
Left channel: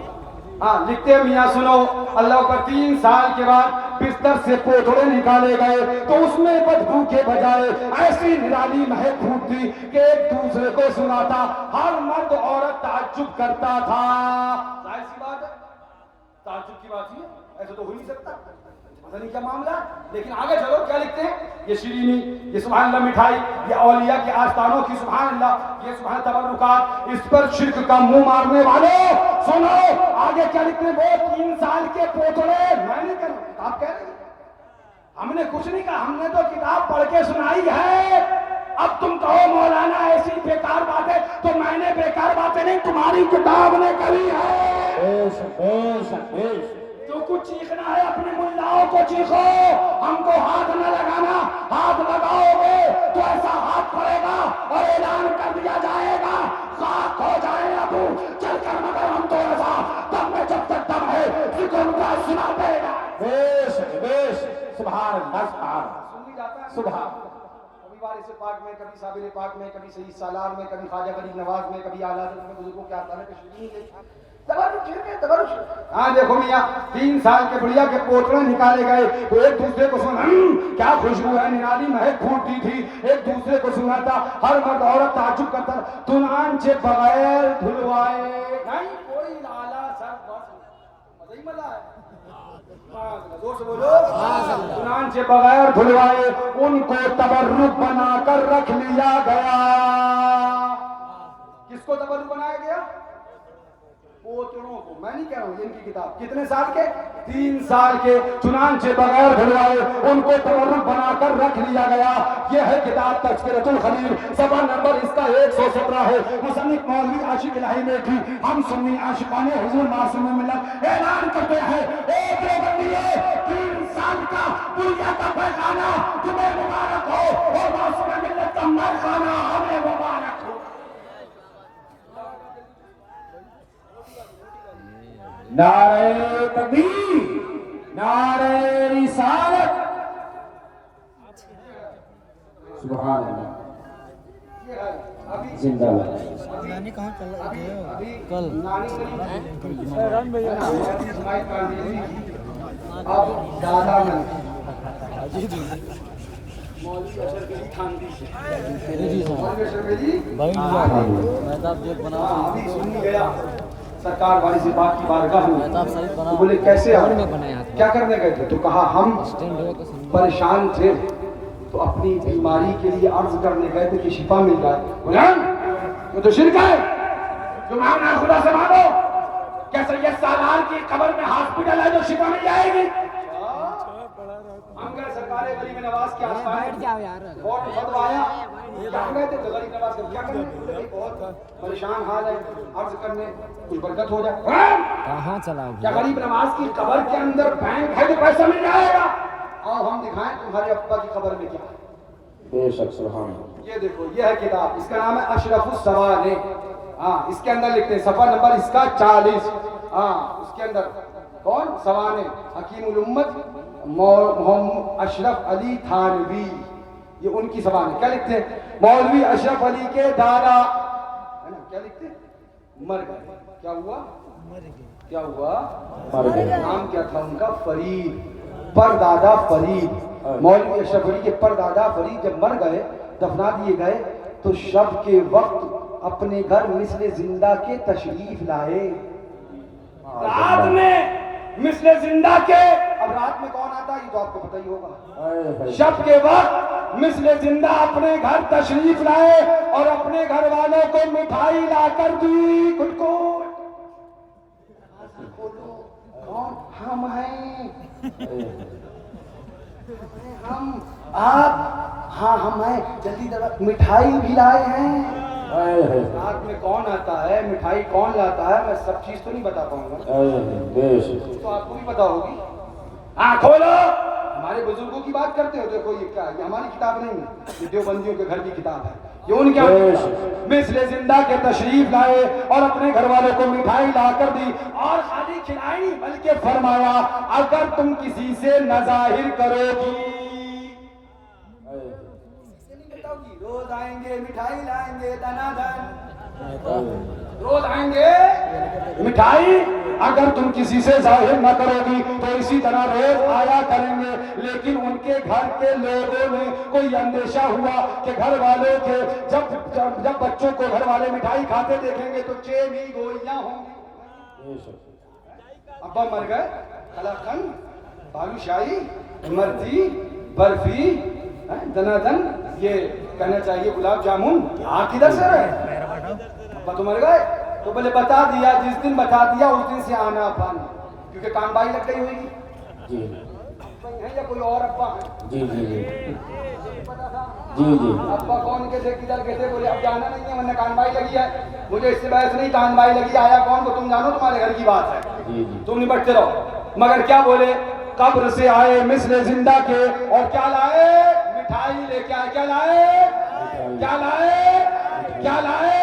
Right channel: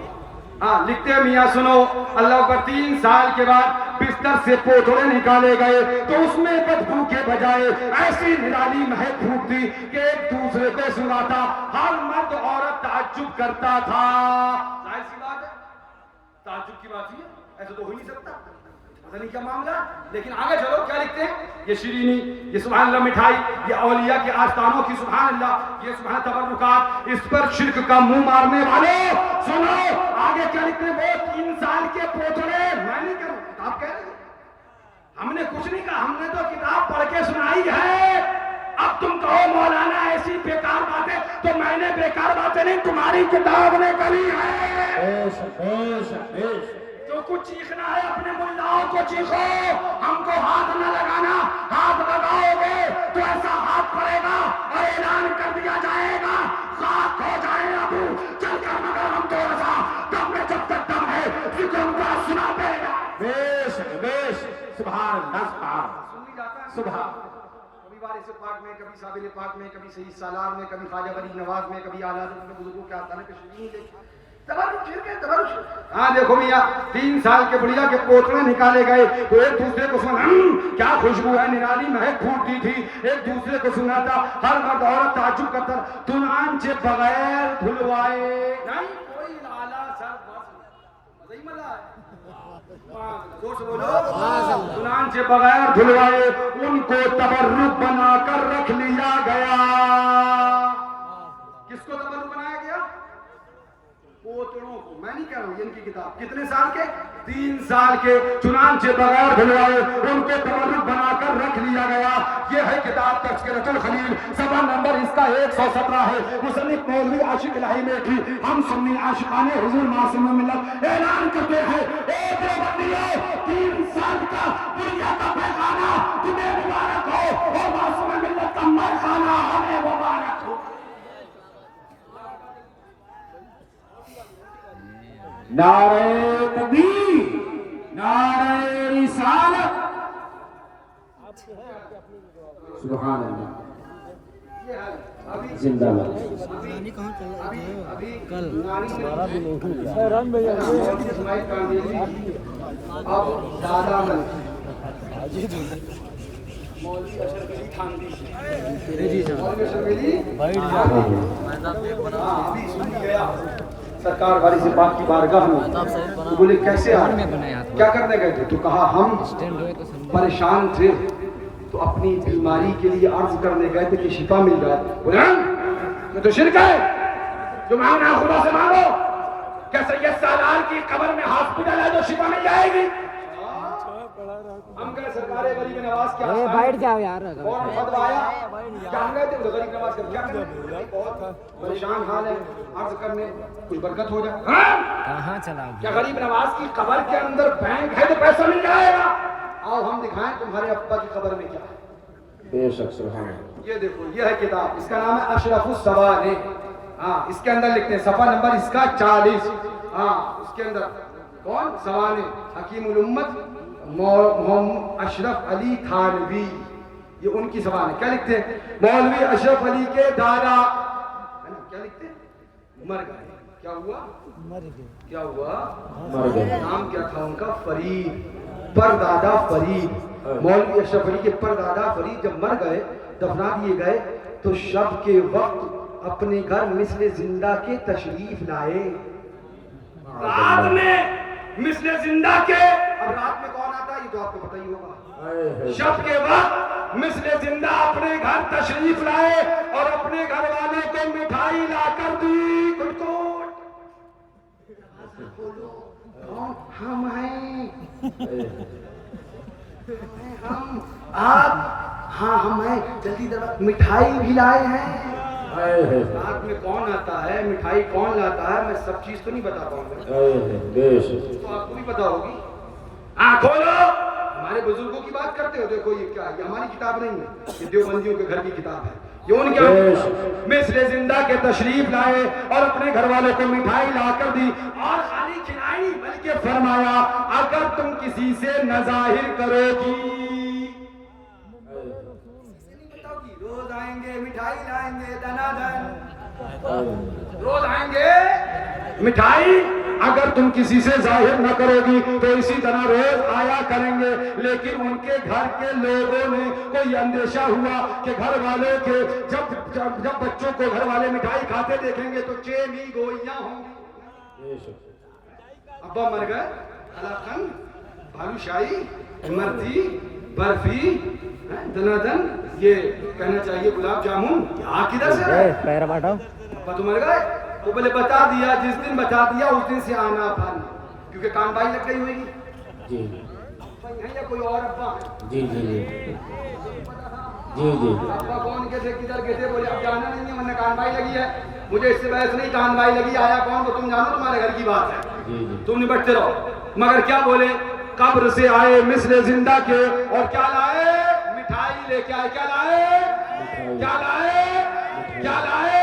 ہاں، لکھتے ہیں میاں سنو، اللہ پر 3 سال کے بعد بستر سے پوتڑے نکالے گئے تو اس میں بدبو کے بجائے ایسی نرالی مہک پھوٹتی کہ ایک دوسرے کو سناتا. ہر مرد عورت تعجب کرتا تھا. ظاہر سی بات ہے، تعجب کی بات ہی ہے، ایسا تو ہو ہی نہیں سکتا. پتہ نہیں کیا معاملہ. لیکن آگے چلو، کیا لکھتے ہیں؟ یہ شیرینی، یہ سبحان اللہ مٹھائی، یہ اولیاء کے آستانوں کی سبحان اللہ، یہ سبحان تبرکات، اس پر شرک کا منہ مارنے والوں سنو آگے کیا لکھتے ہیں. وہ 3 سال کے پوتڑے، میں نہیں کہہ رہا، کتاب کہہ رہے ہیں، ہم نے کچھ نہیں کہا، ہم نے تو کتاب پڑھ کے سنائی ہے. اب تم کہو مولانا ایسی بیکار باتیں، تو میں نے بیکار باتیں نہیں، تمہاری کتاب نے کری ہے. جو کچھ چیخنا ہے اپنے ملاؤں کو چیخو، ہم کو ہاتھ نہ لگانا. ہاتھ لگاؤ گے تو ایسا ہاتھ پڑے گا اور اعلان کر دیا جائے گا خاک ہو جائے ابو چل کر، مگر ہم تو ایسا دم میں جب تک دم ہے ذکر ان کا سناتے گا. سبحان اللہ، سبحان. کبھی وارث پاک میں، کبھی صابر پاک میں، کبھی سید سالار میں، کبھی خواجہ غریب نواز میں، کبھی اعلیٰ حضرت میں بزرگوں کے آستانے پہ شیرینی لے. تبرک شرک ہے، تبرک شرک. ہاں دیکھو میاں 3 سال کے بڑھیا کے پوتڑے نکالے گئے تو ایک دوسرے کو سنا، کیا خوشبو ہے، نرالی مہک پھوٹتی تھی، ایک دوسرے کو سناتا. ہر مرد عورت تعجب کرتا، چنانچہ بغیر دھلوائے، نہیں کوئی اعلیٰ سر بس مزہ ہی مزہ ہے. زور سے بولو. چنانچہ بغیر دھلوائے ان کو تبرک بنا کر رکھ لیا گیا. کس کو تبرک بنایا گیا؟ پوتڑوں کو. میں نہیں کہہ رہا ہوں، یہ ان کی کتاب. کتنے سال کے؟ 3 سال کے. چنانچہ بغیر دھلوائے ان کو تبرک بنا کر رکھ لیا گیا. یہ ہے کتاب تذکرۃ الخلیل، صفحہ نمبر اس کا 117 ہے. مصنف مولوی عاشق الہی میٹھی، ہم سنی عاشقان حضور معصوم ملت اعلان کرتے ہیں، اے دیوبندیوں 3 سال کا بڑھیا کا پیخانہ تمہیں مبارک ہو، اور معصوم ملت کا میخانہ ہمیں مبارک ہو. نعرہ تکبیر، نعرہ رسالت، سبحان اللہ، زندہ باد. کل اب دادا من مولوی اشرف علی تھانوی، مولوی اشرف علی ابھی سنی گیا سرکار والی سے پاک کی بارگاہ میں تو بولے کیسے کون میں آئے بنایا تھا کیا کرنے گئے تھے تو کہا ہم اسٹینڈ ہوئے تو سمجھو پریشان تھے تو اپنی بیماری کے لیے عرض کرنے گئے تھے کہ شفا مل جائے بولے یہ تو شرک ہے جو مانگنا خدا سے مانگو کیا سید سالار کی قبر میں ہاسپٹل ہے جو شفا مل جائے گی ہم گئے سرکار غریب نواز کے ارے آسمان بیٹھ جاؤ یار اور فتوا آیا کیا ہم گئے تھے غریب نواز کا کیا کریں بہت پریشان حال ہے عرض کرنے کچھ برکت ہو جائے کہاں چلا کیا غریب نواز کی قبر کے اندر بینک ہے جو پیسہ مل جائے گا آؤ ہم دکھائیں تمہارے ابا کی قبر میں کیا ہے بے شک سبحان اللہ. یہ دیکھو یہ ہے کتاب اس کا نام ہے اشرف السوانح ہاں اس کے اندر لکھتے ہیں صفحہ نمبر اس کا 40 ہاں اس کے اندر کون سوانح حکیم الامت محمد اشرف علی تھانوی یہ ان کی سوانح کیا لکھتے ہیں مولوی اشرف علی کے دادا ہے نا کیا لکھتے ہیں مر گئے کیا ہوا کیا ہوا مر گئے. نام کیا تھا ان کا فرید پر دادا فرید مولوی اشرف علی کے پر دادا فرید جب مر گئے دفنا دیے گئے تو شب کے وقت اپنے گھر مثل زندہ کے تشریف لائے رات میں مثل زندہ کے اب رات میں کون آتا ہے یہ تو آپ کو پتہ ہی ہوگا ہائے ہائے. شب کے وقت مثل زندہ اپنے گھر تشریف لائے اور اپنے گھر والوں کو مٹھائی لا کر دی گٹ کھولو کون ہم ہیں ہم آپ ہاں ہم ہیں جلدی مٹھائی بھی لائے ہیں ہائے ہائے. رات میں کون آتا ہے مٹھائی کون لاتا ہے میں سب چیز تو نہیں بتا پاؤں گا ہائے ہائے. بے شک. تو آپ کو بھی پتا ہوگی کھولو ہمارے بزرگوں کی بات کرتے ہو دیکھو یہ کیا ہے یہ ہماری کتاب نہیں ہے یہ دیوبندیوں کے گھر کی کتاب ہے یہ ان کے مثل زندہ کے تشریف لائے اور اپنے گھر والوں کو مٹھائی لا کر دی اور خالی کھلائی نہیں بلکہ فرمایا اگر تم کسی سے نظاہر کرو گی روز آئیں گے مٹھائی لائیں گے دنا دن روز آئیں گے مٹھائی اگر تم کسی سے ظاہر نہ کرو گی تو اسی طرح روز آیا کریں گے لیکن ان کے گھر کے لوگوں نے کوئی اندیشہ ہوا کہ گھر والوں کے جب بچوں کو گھر والے مٹھائی کھاتے دیکھیں گے تو چینی گوئیاں ہوں گی ابا مر گئے قلاقند بالو شاہی مرتی برفی دنا دن یہ کہنا چاہیے گلاب جامن آپ کدھر سے رہے پیر بٹھو ابا تو مر گئے وہ بولے بتا دیا جس دن بتا دیا اس دن سے آنا بند کیونکہ کان بائی لگ گئی ہوئی جی ہے یا کوئی اور ابا ہے جی جی جی پتا تھا جی جی ابا کون کے تھے کدھر کے تھے بولے اب جانا نہیں ہے ورنہ کان بائی لگی ہے مجھے اس سے بحث نہیں کان بائی لگی آیا کون کو تم جانو تمہارے گھر کی بات ہے جی جی تم نپٹتے رہو مگر کیا بولے قبر سے آئے مثل زندہ کے اور کیا لائے مٹھائی لے کے آئے کیا لائے کیا لائے کیا لائے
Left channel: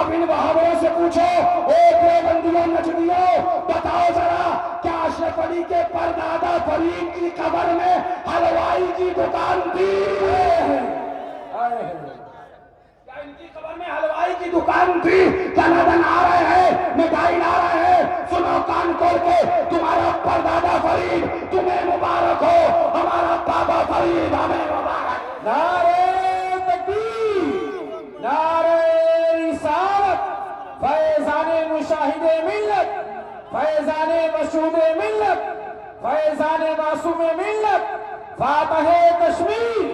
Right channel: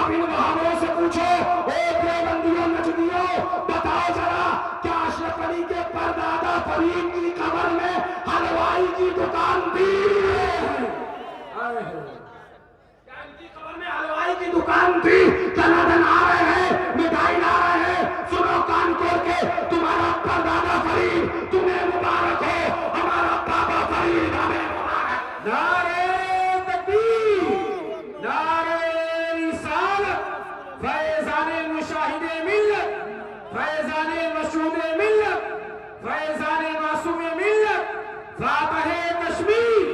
اب ان بہاوروں سے پوچھو اے دیوبندیوں نجدیوں بتاؤ ذرا کیا اشرف علی کے پردادا فرید کی قبر میں حلوائی کی دکان تھی کیا ان کی قبر میں حلوائی کی دکان تھی دن آ رہے ہیں مٹھائی لا رہے ہیں سنو کان کھول کے تمہارا پردادا فرید تمہیں مبارک ہو ہمارا بابا فرید ہمیں مبارک نعرہ تکبیر نعرہ رسالت فیضان مشاہد ملت فیضان مسعود ملت فیضان معصوم ملت فاتح کشمیر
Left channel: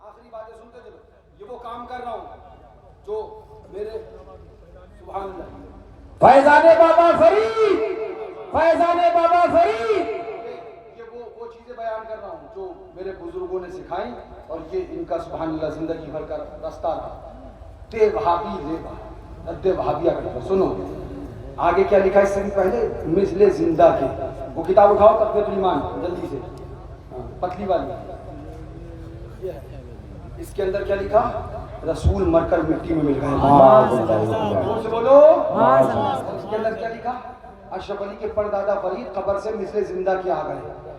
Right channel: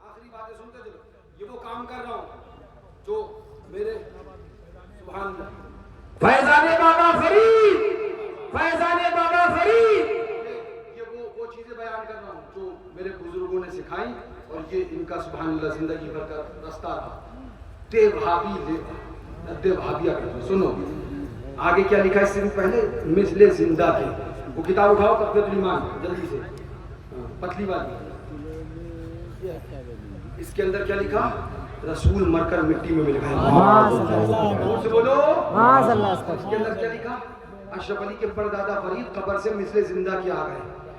آخری باتیں سنتے چلو یہ وہ کام کر رہا ہوں جو میرے سبحان اللہ فیضان بابا فرید فیضان بابا فرید یہ وہ چیزیں بیان کر رہا ہوں جو میرے بزرگوں نے سکھائی اور یہ ان کا سبحان اللہ زندگی بھر کا راستہ رہا تے وہابی لے رد وہابیہ کرتا سنو آگے کیا لکھا اس سے بھی پہلے مثل زندہ کے وہ کتاب اٹھاؤ تقویۃ الایمان جلدی سے پتلی والی اس کے اندر کیا لکھا رسول مر کر مٹی میں مل گئے زور سے بولو اس کے اندر کیا لکھا اشرف علی کے پردادا فرید قبر سے مثل زندہ کے آ گئے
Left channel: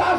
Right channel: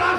10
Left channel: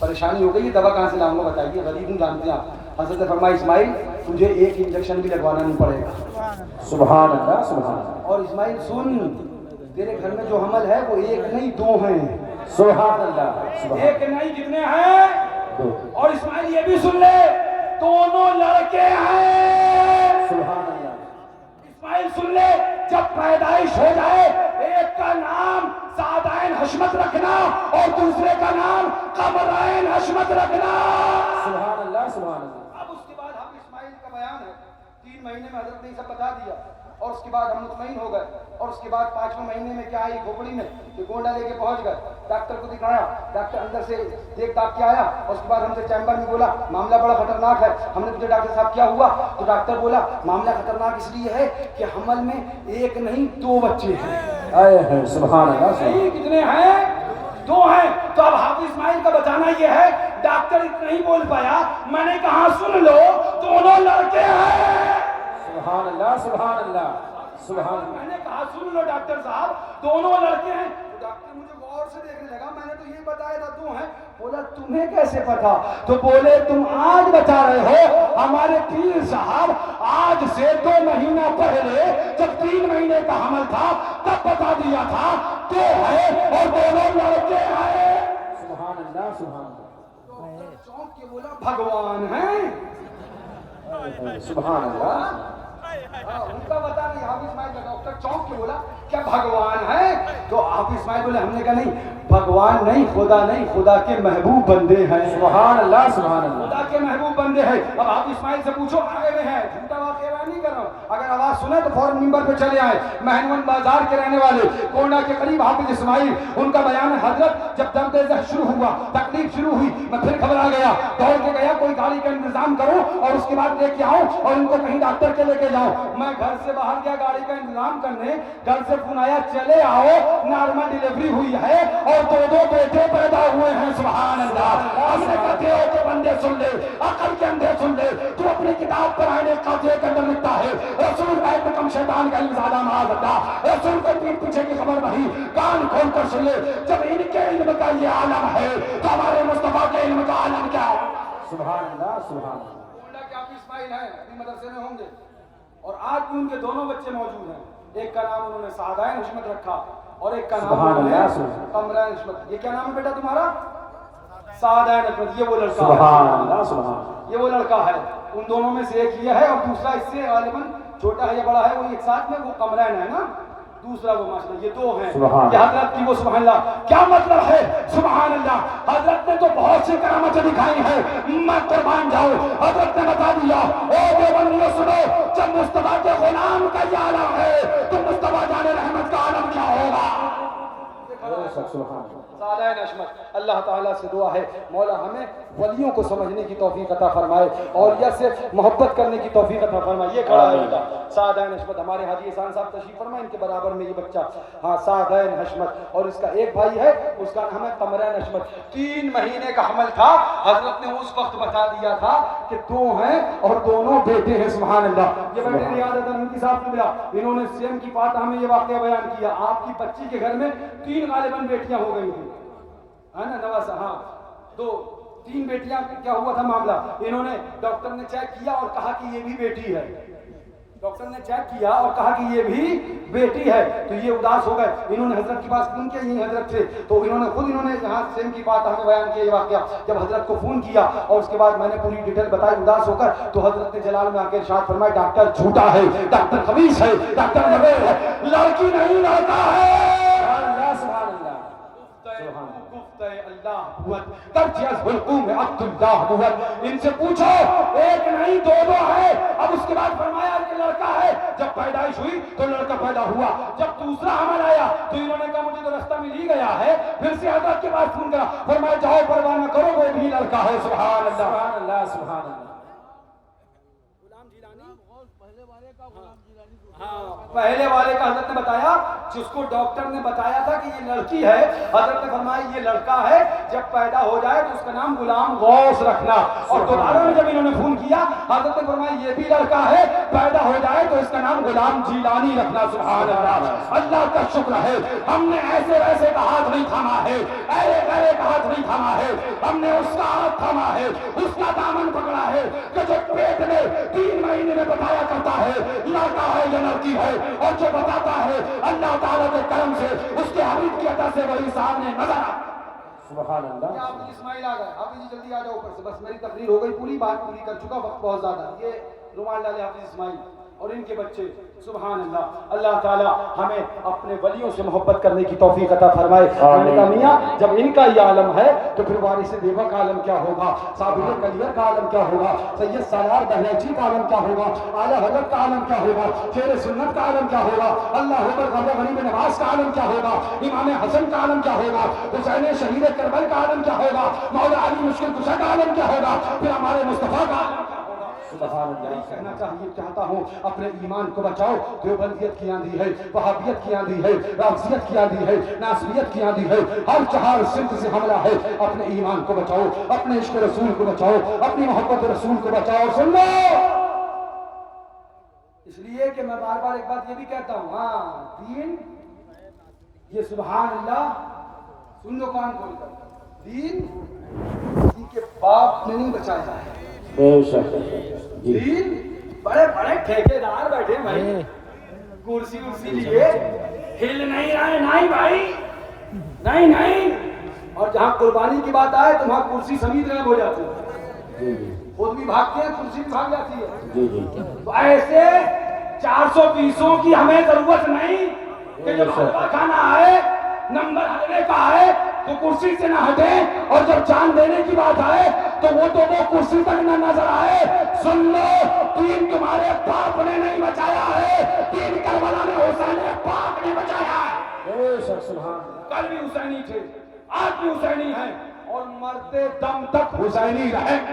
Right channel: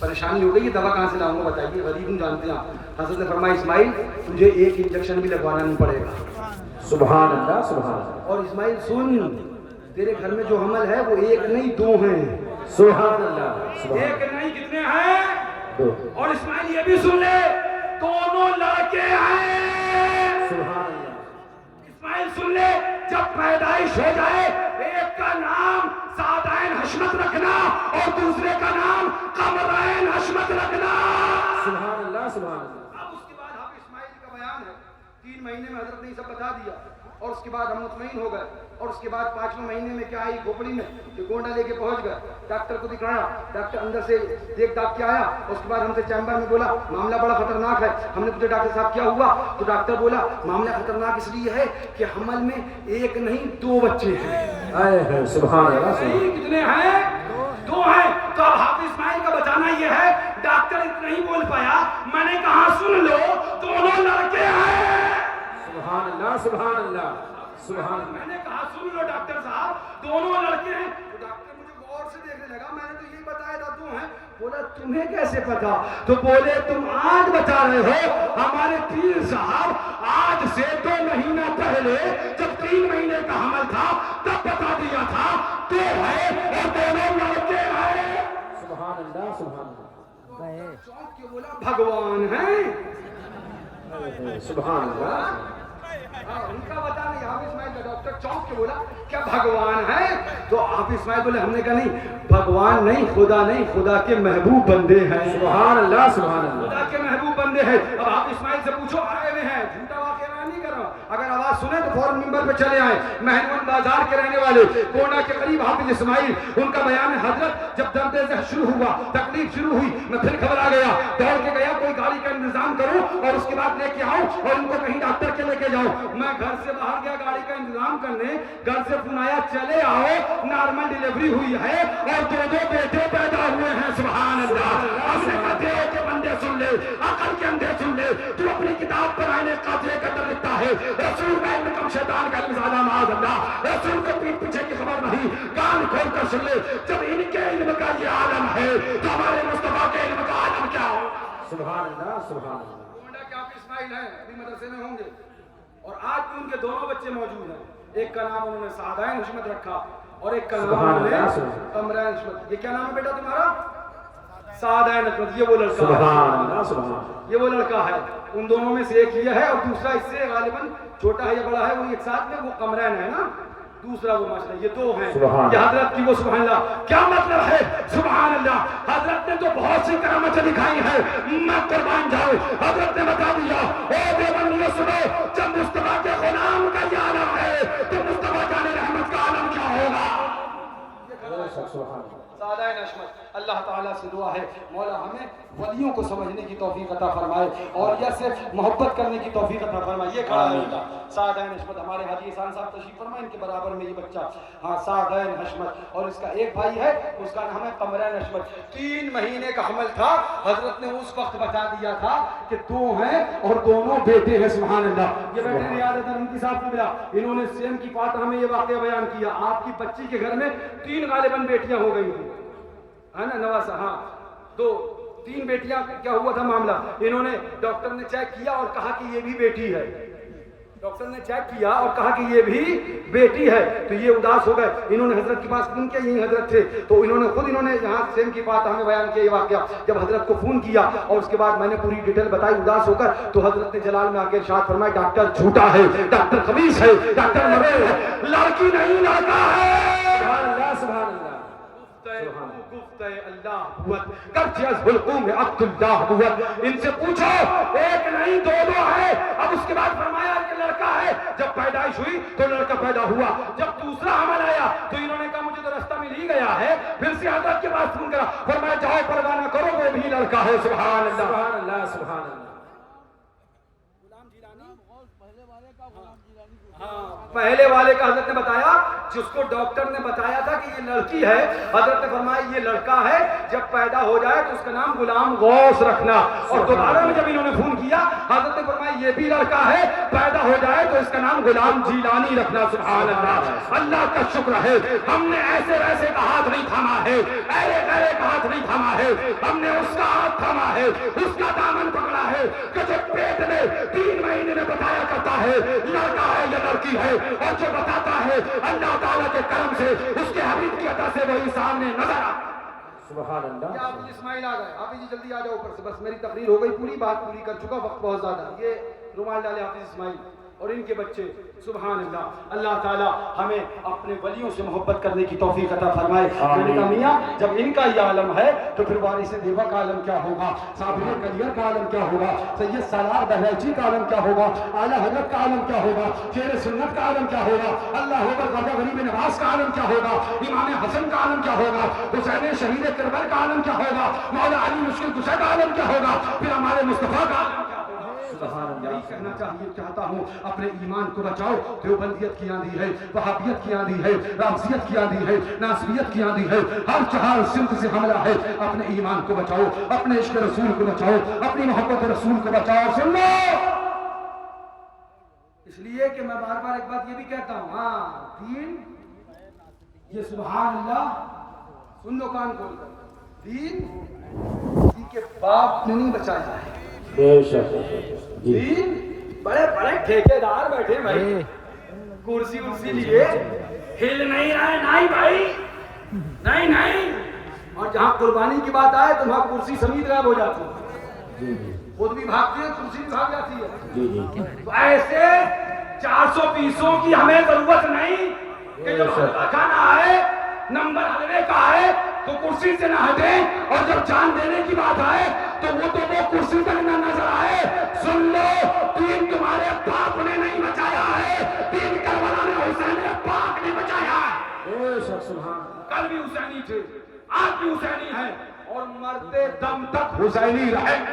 پریشانی ہو گئی, یہ دوا کہاں سے لاؤں گا بتائیے, غریب ہوں جانتے ہیں آپ. حضرت نے فرمایا اسماعیل تجھے ایک انجیکشن بھی لگوانا نہیں پڑے گا. سبحان اللہ سبحان اللہ. اور اسماعیل سن, تیرے گھر میں جو حمل ہے وہ ایک نہیں دو ہیں. سبحان اللہ. ایک نہیں کتنے ہیں؟ دو. اور اسماعیل یہ بھی سن لے دونوں لڑکے ہیں. سبحان اللہ. اسماعیل سن لے جب پیدائش ہو جائے ایک کا نام سعدین حشمت رکھنا اور دوسرے کا نام قمرین حشمت رکھنا. سبحان اللہ سبحان اللہ. اب اس کے بعد حافظ اسماعیل کا بیان ہے, 3 مہینے میں حضرت نے یہ سب بتا دیا, اور اس کے بعد ہم مطمئن ہو گئے. اور اس کے بعد 5ویں مہینے میں کیا آئی کھوپڑی میں, کہ گونڈا لے کے پہنچ گئے, ڈاکٹر کو دکھایا, ڈاکٹر اندر سے دیکھ داکھ کے آیا, اور اس کے بعد ہم سے چیمبر میں بولا معاملہ بڑا خطرناک ہے. ہم نے پوچھا ڈاکٹر صاحب کیا ہوا, تو ڈاکٹر بولا معاملہ خطرناک اس لیے ہے کہ حمل میں ایک نہیں 2 بچے ہیں. سبحان اللہ. نہیں کتنے ہیں؟ 2 ہیں. تو اب حافظ اسماعیل کا بتانا یہ ہے, ڈاکٹر اتنا ہی بول پایا, میں نے کہا سن لو دونوں لڑکے ہیں. سبحان اللہ سبحان اللہ سبحان اللہ. میں نے کہا سن لو ڈاکٹر صاحب دونوں لڑکے ہیں. تو ڈاکٹر مجھے غور سے دیکھنے لگا, میں نے تو یہی بتایا تھا 2 ہیں. بولا تمہیں کیسے پتا؟ تو بولے تم آج بتا رہے ہو, ہمارے پیر صاحب آج سے 2 مہینہ پہلے جب 3 مہینے کا حمل تھا تب بتا دیا تھا 2 ہے اور دونوں لڑکے ہیں. سبحان اللہ سبحان اللہ. چونک کے بولا بھگوان ہیں. سبحان اللہ. ان کا بتا نہیں, حافظ اسماعیل کا ڈاکٹر چونک کے بولا کیا بھگوان ہے؟ تو حافظ اسماعیل بولے ہم نے کہا نہیں, بھگوان نہیں, خدا نہیں, خدا کے محبوب بندے ہیں. سبحان اللہ سبحان اللہ. خدا کے محبوب بندے ہیں. اب حافظ اسماعیل سے پوچھو آئے ہوئے ہیں, جھوٹا واقعہ بیان نہیں کر رہا ہوں, اگر آواز سنے تو فوراً ممبر پہ چلے آئے. مہنون بازار کے رہنے والے کونا کے قریب حافظ اسماعیل, ان کا بیان ہے حضرت جب درد ذہن شروع ہوا, تکلیف شروع ہوئی, میں پھر گھبرا گیا, دوڑ کے گیا کوئی گاڑی کا انتظام کروں اور اس کے بعد لے کے آؤں اور ان کو کہیں ڈاکٹر کے لے کے جاؤں. میں گھر سے باہر گیا گاڑی کا انتظام کرنے, گھر سے فون آیا چلے آؤ نارمل ڈیلیوری ہوئی ہے اور 2 بیٹے پیدا ہوئے ہیں. سبحان اللہ. ہم نے کہتے ہو کہ بندے سن لے, عقل کے اندھے سن لے, تو اپنی کتاب پر آئینے قاضی کے اندر لکھتا ہے رسول کا علم کم شیطان کا علم زیادہ معاذ اللہ. رسول کو پیٹ پیچھے کی خبر نہیں, کان کھول کر سن لے. جب ان کے علم کا یہ عالم ہے تو ہمارے مصطفیٰ کے علم کا عالم کیا ہے؟ سبحان اللہ سبحان اللہ. گونڈا کے حافظ اسماعیل ہیں, ابھی مدرسے میں ہوں گے, اور آج بھی ان کے دونوں بچے موجود ہیں. ایک کا نام انہوں نے سعدین حشمت رکھا اور ایک کا نام انہوں نے قمرین حشمت. یہ کیا نام ہے بیٹا تمہارا؟ سعدین حشمت. یہ وہ لڑکا ہے. سبحان اللہ سبحان اللہ. یہ وہ لڑکا ہے. ان دونوں میں سے ایک یہ ہے اور دوسرا اس سے غالباً چھوٹا ہے یا بڑا ہے, وہ ایک ساتھ میں, وہ قمرین ہے نا, دوسرا وہ ماشاءاللہ. یہ 2 ہیں. یہ حضرت کی وہ سبحان اللہ. کیا مطلب ہے؟ سبحان اللہ. حضرت نے تو بہت سی کرامتیں دکھائی ہیں, میں قربان جاؤں. حضرت نے بتا دیا, او دیوبندیوں سنو, جب مصطفیٰ کے غلام کا یہ عالم ہے تو مصطفیٰ جان رحمت کا عالم کیا ہوگا؟ سعدین حشمت. اللہ تعالیٰ سے دعا ہے مولا ہمیں ولیوں کو سمجھنے کی توفیق عطا فرمائے اور یہ صرف محبت کرنے کی توفیق عطا فرمائے. یہ کھڑا ہے بیٹا سعدین حشمت, ہمارے حاجی احسان صاحب تشریف فرمائے, ان کے برابر میں یہ بچہ, ہاں سعدین حشمت. اور اس کا ایک بھائی ہے, اس کا نام ہے قمرین حشمت. 3 مہینے کا حمل تھا, حضرت نے اس وقت بتا دیا تھا کہ 2 ہیں اور دونوں بیٹے ہیں. سبحان اللہ. یہ بیٹے ریاض ان صاحب نے ملا, انہوں نے سیم کی فاتحہ میں یہ واقعہ بیان کیا. آپ کی بچی کے گھر میں 3 غالباً بیٹیاں ہو گئی ہیں, ہے نا نواسا, ہاں 3 بیٹیاں. کیا ہوا تھا معاملہ, انہوں نے ڈاکٹر نے چیک کیا اور کہا کہ یہ بھی بیٹی ہے. ڈاکٹر نے چیک کیا اور کہا کہ یہ بھی بیٹی ہے, تو یہ اداس ہو گئے. انہوں نے حضرت کے پاس فون کیا, یہی حضرت تھے, تو انہوں نے خود یہاں سیم کی بات ہمیں بیان کیا یہ واقعہ. جب حضرت کو فون کیا اور اس کے بعد میں نے پوری ڈیٹیل بتائی اداس ہو کر, تو حضرت نے جلال میں آ کے ارشاد فرمایا ڈاکٹر جھوٹا ہے, ڈاکٹر خبیث ہے, ڈاکٹر مریض ہے, لڑکی نہیں لڑکا ہے. سبحان اللہ سبحان اللہ. اللہ قوت کرچ از حلقوم عبد اللہ قوت. ان سے پوچھو, ایک نہیں 2 ہے. اب اس کے بعد فرمایا کہ لڑکا ہے. جب پیدائش ہوئی تو لڑکا پیدا ہوا. جب دوسرا حمل آیا تو انہوں نے کہا مجھے تو رستہ مل ہی گیا ہے. پھر سے حضرت کے پاس فون کرا, فرمایا جاؤ پرواہ نہ کرو, وہ بھی لڑکا ہے. سبحان اللہ سبحان اللہ سبحان اللہ. غلام جیلانی پہلے والے کا حضرت نے بتایا جس کو ڈاکٹر نے بتایا تھا کہ یہ لڑکی ہے، حضرت نے فرمایا یہ لڑکا ہے، جب پیدا ہو جائے تو اس کا نام غلام غوث رکھنا. اور دوبارہ میں جب انہوں نے فون کیا حضرت نے فرمایا یہ بھی لڑکا ہے، پیدا ہو جائے تو اس کا نام غلام جیلانی رکھنا. سبحان اللہ. اللہ کا شکر ہے ہم نے ایسے ویسے کا ہاتھ نہیں تھاما ہے، ایرے گرے کا ہاتھ نہیں تھاما ہے، ہم نے اس کا ہاتھ تھاما ہے، اس کا دامن پکڑا ہے کہ جو پیٹ میں 3 مہینے میں بتایا کرتا ہے لڑکا ہے یا لڑکی ہے، اور جو بتاتا ہے اللہ تعالیٰ کے کرم سے اس کے حبیب کی عطا سے وہی سامنے نظر آتا. سبحان اللہ. آپ اسماعیل آ گئے، حافظ جی جلدی آ جاؤ اوپر سے. بس میری تقریر ہو گئی پوری، بات پوری کر چکا، وقت بہت زیادہ. یہ رومال ڈالے حافظ اسماعیل اور ان کے بچے. سبحان اللہ. اللہ تعالیٰ ہمیں اپنے ولیوں سے محبت کرنے کی توفیق عطا فرمائے. میں نے کہا میاں جب ان کا یہ عالم ہے تو پھر وارث دیوا کا عالم کیا ہوگا، صابر کلیہ کا عالم کیا ہوگا، سید سالار بہرائچی کا عالم کیا ہوگا، اعلیٰ حضرت کا عالم کیا ہوگا، شیر سنت کا عالم کیا ہوگا، اللہ اکبر غازی غریب نواز کا عالم کیا ہوگا، امام حسن کا عالم کیا ہوگا، حسین شہید کربلا کا عالم کیا ہوگا، مولا علی مشکل کشا کا عالم کیا ہوگا، پھر ہمارے مصطفیٰ کا عالم کیا ہوگا. یہی کہنا چاہتا ہوں اپنے ایمان کو بچاؤ. دیوبندیت کی آندھی ہے، وہابیت کی آندھی ہے، رافضیت کی آندھی ہے، ناصبیت کی آندھی ہے، ہر چہار سمت سے حملہ ہے. اپنے ایمان کو بچاؤ، اپنے عشق رسول کو بچاؤ، اپنی محبت رسول کو بچاؤ. سن لو اس لیے کہ میں بار بار ایک بات یہ بھی کہتا ہوں، ہاں دین یہ سبحان اللہ سن لو کان کھول کر، دین کسی کے باپ نے نہیں بچایا ہے. بے شک. دین بڑے بڑے ٹھیکیدار بیٹھے بھائی، کرسی ارسی لیے ہل نہیں رہے. نہیں بھائی نہیں. اور جہاں قربانی کی بات آئے تو وہاں کرسی سمیت غائب ہو جاتی ہے، خود بھی بھاگتے ہیں کرسی بھی بھاگ جاتی ہے. تو ایسے 420 کی ہمیں ضرورت نہیں کہ جب حلوہ کھانا آئے نمبر حلوے کا آئے تو کرسی سے نہ ہٹیں، اور جب جان دینے کی بات آئے تو وہ کرسی تک نہ نظر آئے. سن لو دین تمہارے باپ نے نہیں بچایا ہے، دین کربلا میں حسین پاک نے بچایا ہے. بے شک. سبحان. کل بھی حسینی تھے، آج بھی حسینی ہیں، اور مرتے دم تک حسینی رہیں.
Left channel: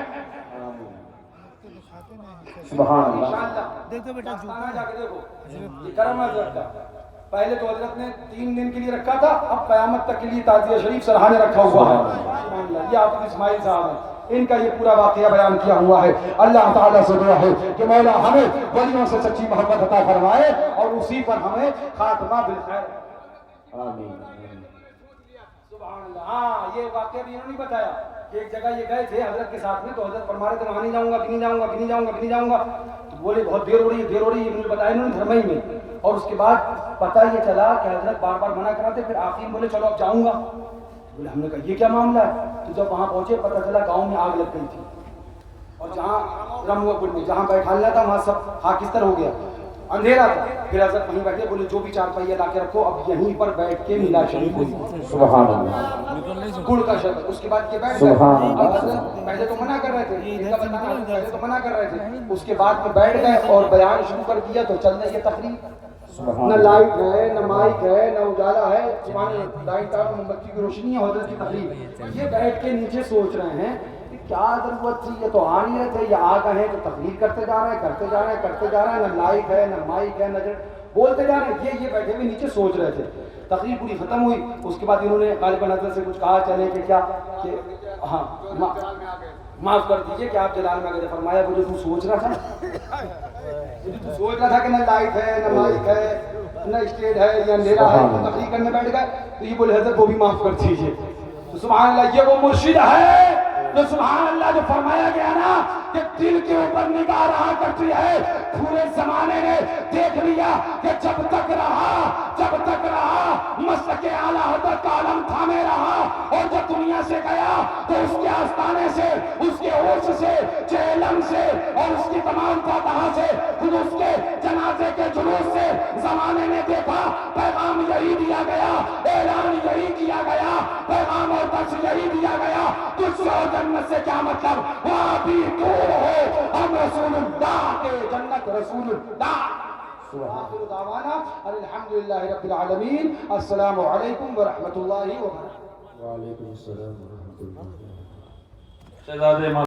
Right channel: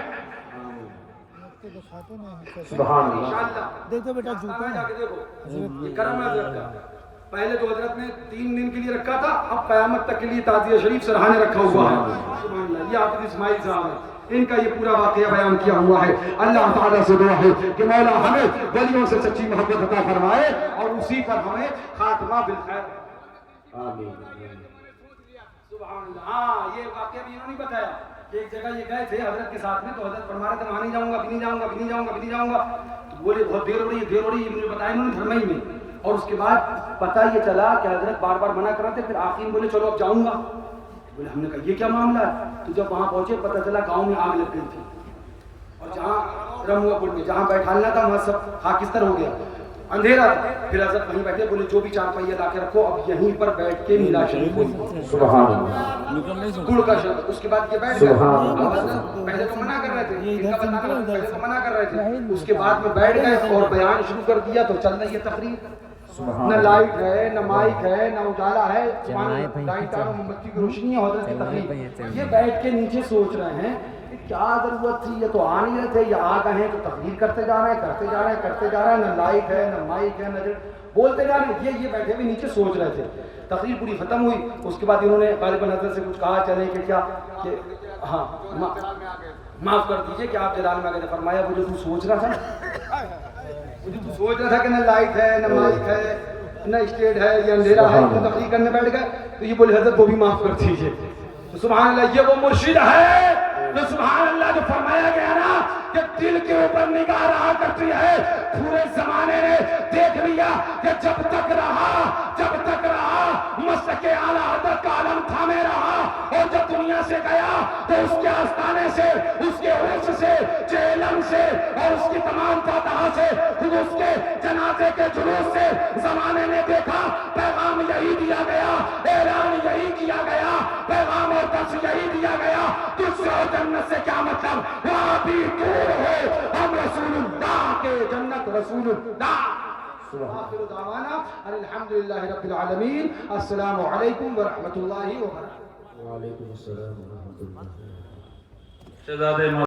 سبحان اللہ. انشاءاللہ دیکھو بیٹا جوتا جا کے دیکھو یہ کرم ہے حضرت کا. پہلے تو حضرت نے 3 دن کے لیے رکھا تھا، اب قیامت تک کے لیے تعزیہ شریف سرحانے رکھا ہوا ہے. سبحان اللہ. یہ حافظ اسماعیل صاحب ہیں، ان کا یہ پورا واقعہ بیان کیا ہوا ہے. اللہ تعالیٰ سے دعا ہے کہ مولا ہمیں ولیوں سے سچی محبت عطا فرمائے اور اسی پر ہمیں خاتمہ بالخیر. آمین. سبحان اللہ. ہاں یہ واقعہ بھی انہوں نے بتایا کہ ایک جگہ یہ گئے تھے حضرت کے ساتھ میں، تو حضرت فرما رہے تھے وہاں نہیں جاؤں گا، نہیں جاؤں گا، نہیں جاؤں گا، نہیں جاؤں گا. تو بولے بہت دیر ہو رہی ہے، دیر ہو رہی ہے. مجھے بتایا انہوں نے دھرمئی میں. اور اس کے بعد پتہ یہ چلا کہ حضرت بار بار منع کر رہے تھے، پھر آخر میں بولے چلو اب جاؤں گا. بولے ہم نے کہا یہ کیا معاملہ ہے. تو جب وہاں پہنچے پتہ چلا گاؤں میں آگ لگ گئی تھی، اور جہاں رموا پور میں جہاں بیٹھالنا تھا وہاں سب خاکستر ہو گیا، اندھیرا تھا. پھر حضرت وہیں بیٹھے، بولے جو بھی 4 پہیہ لا کے رکھو، اب یہیں پر بیٹھ کے میلا شریف ہوئی. سبحان اللہ. گڑ کا شرط. اس کے بعد یہ بیٹھ سبحان گئے. اللہ. اب حضرت پہلے تو منع کر رہے تھے، پہلے تو منع کر رہے تھے. اس کے بعد میں بیٹھ گئے اور بیان شروع کر دیا. تو چل رہی ہے تقریر، نہ لائٹ ہے، نہ مائک ہے، نہ اجالا ہے، لائٹ اور موم بتی کی روشنی ہے. حضرت کی تقریر یہ بیٹھ کے نیچے سوچ رہے ہیں کیا ضرورت تھی، یہ تو آ نہیں رہے تھے، یہ آ گئے ہیں تو تقریر کرتے جا رہے ہیں، کرتے جا رہے ہیں، کرتے جا رہے ہیں. نہ لائٹ ہے، نہ مائک ہے، نہ بولتے جا رہے ہیں. یہ بیٹھے ہوئے نیچے سوچ رہے تھے. تقریر پوری ختم ہوئی. اس کے بعد انہوں نے غالباً حضرت سے کچھ کہا چلے کہ کیا کہ ہاں معاف کر دیجئے کہ آپ جلال میں آ گئے. فرمایا وہ جو تو سوچ رہا تھا، وہ جو تو سوچ رہا تھا کہ نہ لائٹ ہے، نہ مائک ہے، نہ اسٹیج ہے، یہ اندھیرا ہے، تو تقریر کرنے بیٹھ گئے. تو یہ بولے حضرت وہ بھی معاف کر دیجئے. تو سبحان اللہ یہ وہ مرشد ہے جو سبحان اللہ جو فرمایا گیا نا کہ دل کے اوپر نگاہ رہا کرتی ہے. پورے زمانے نے دیکھ لیا کہ جب تک رہا مسلک اعلیٰ حضرت کا علم تھامے رہا، اور جب دنیا سے گیا تو اس کے آستانے سے، اس کے عرش سے، چہلم سے، اور اس کی تمام فاتحہ سے، خود اس کے جنازے کے جلوس سے زمانے نے دیکھا. پیغام یہی دیا گیا، اعلان یہی کیا گیا، پیغام اور درس یہی دیا گیا. تجھ سے اور جنت سے کیا مطلب، وہاں بھی دور ہو، ہم رسول اللہ کے جنت رسول اللہ. آخر دعوانا الحمدللہ رب العالمین. السلام علیکم ورحمۃ اللہ وبرکاتہ. وعلیکم السلام ورحمۃ اللہ. شہزادے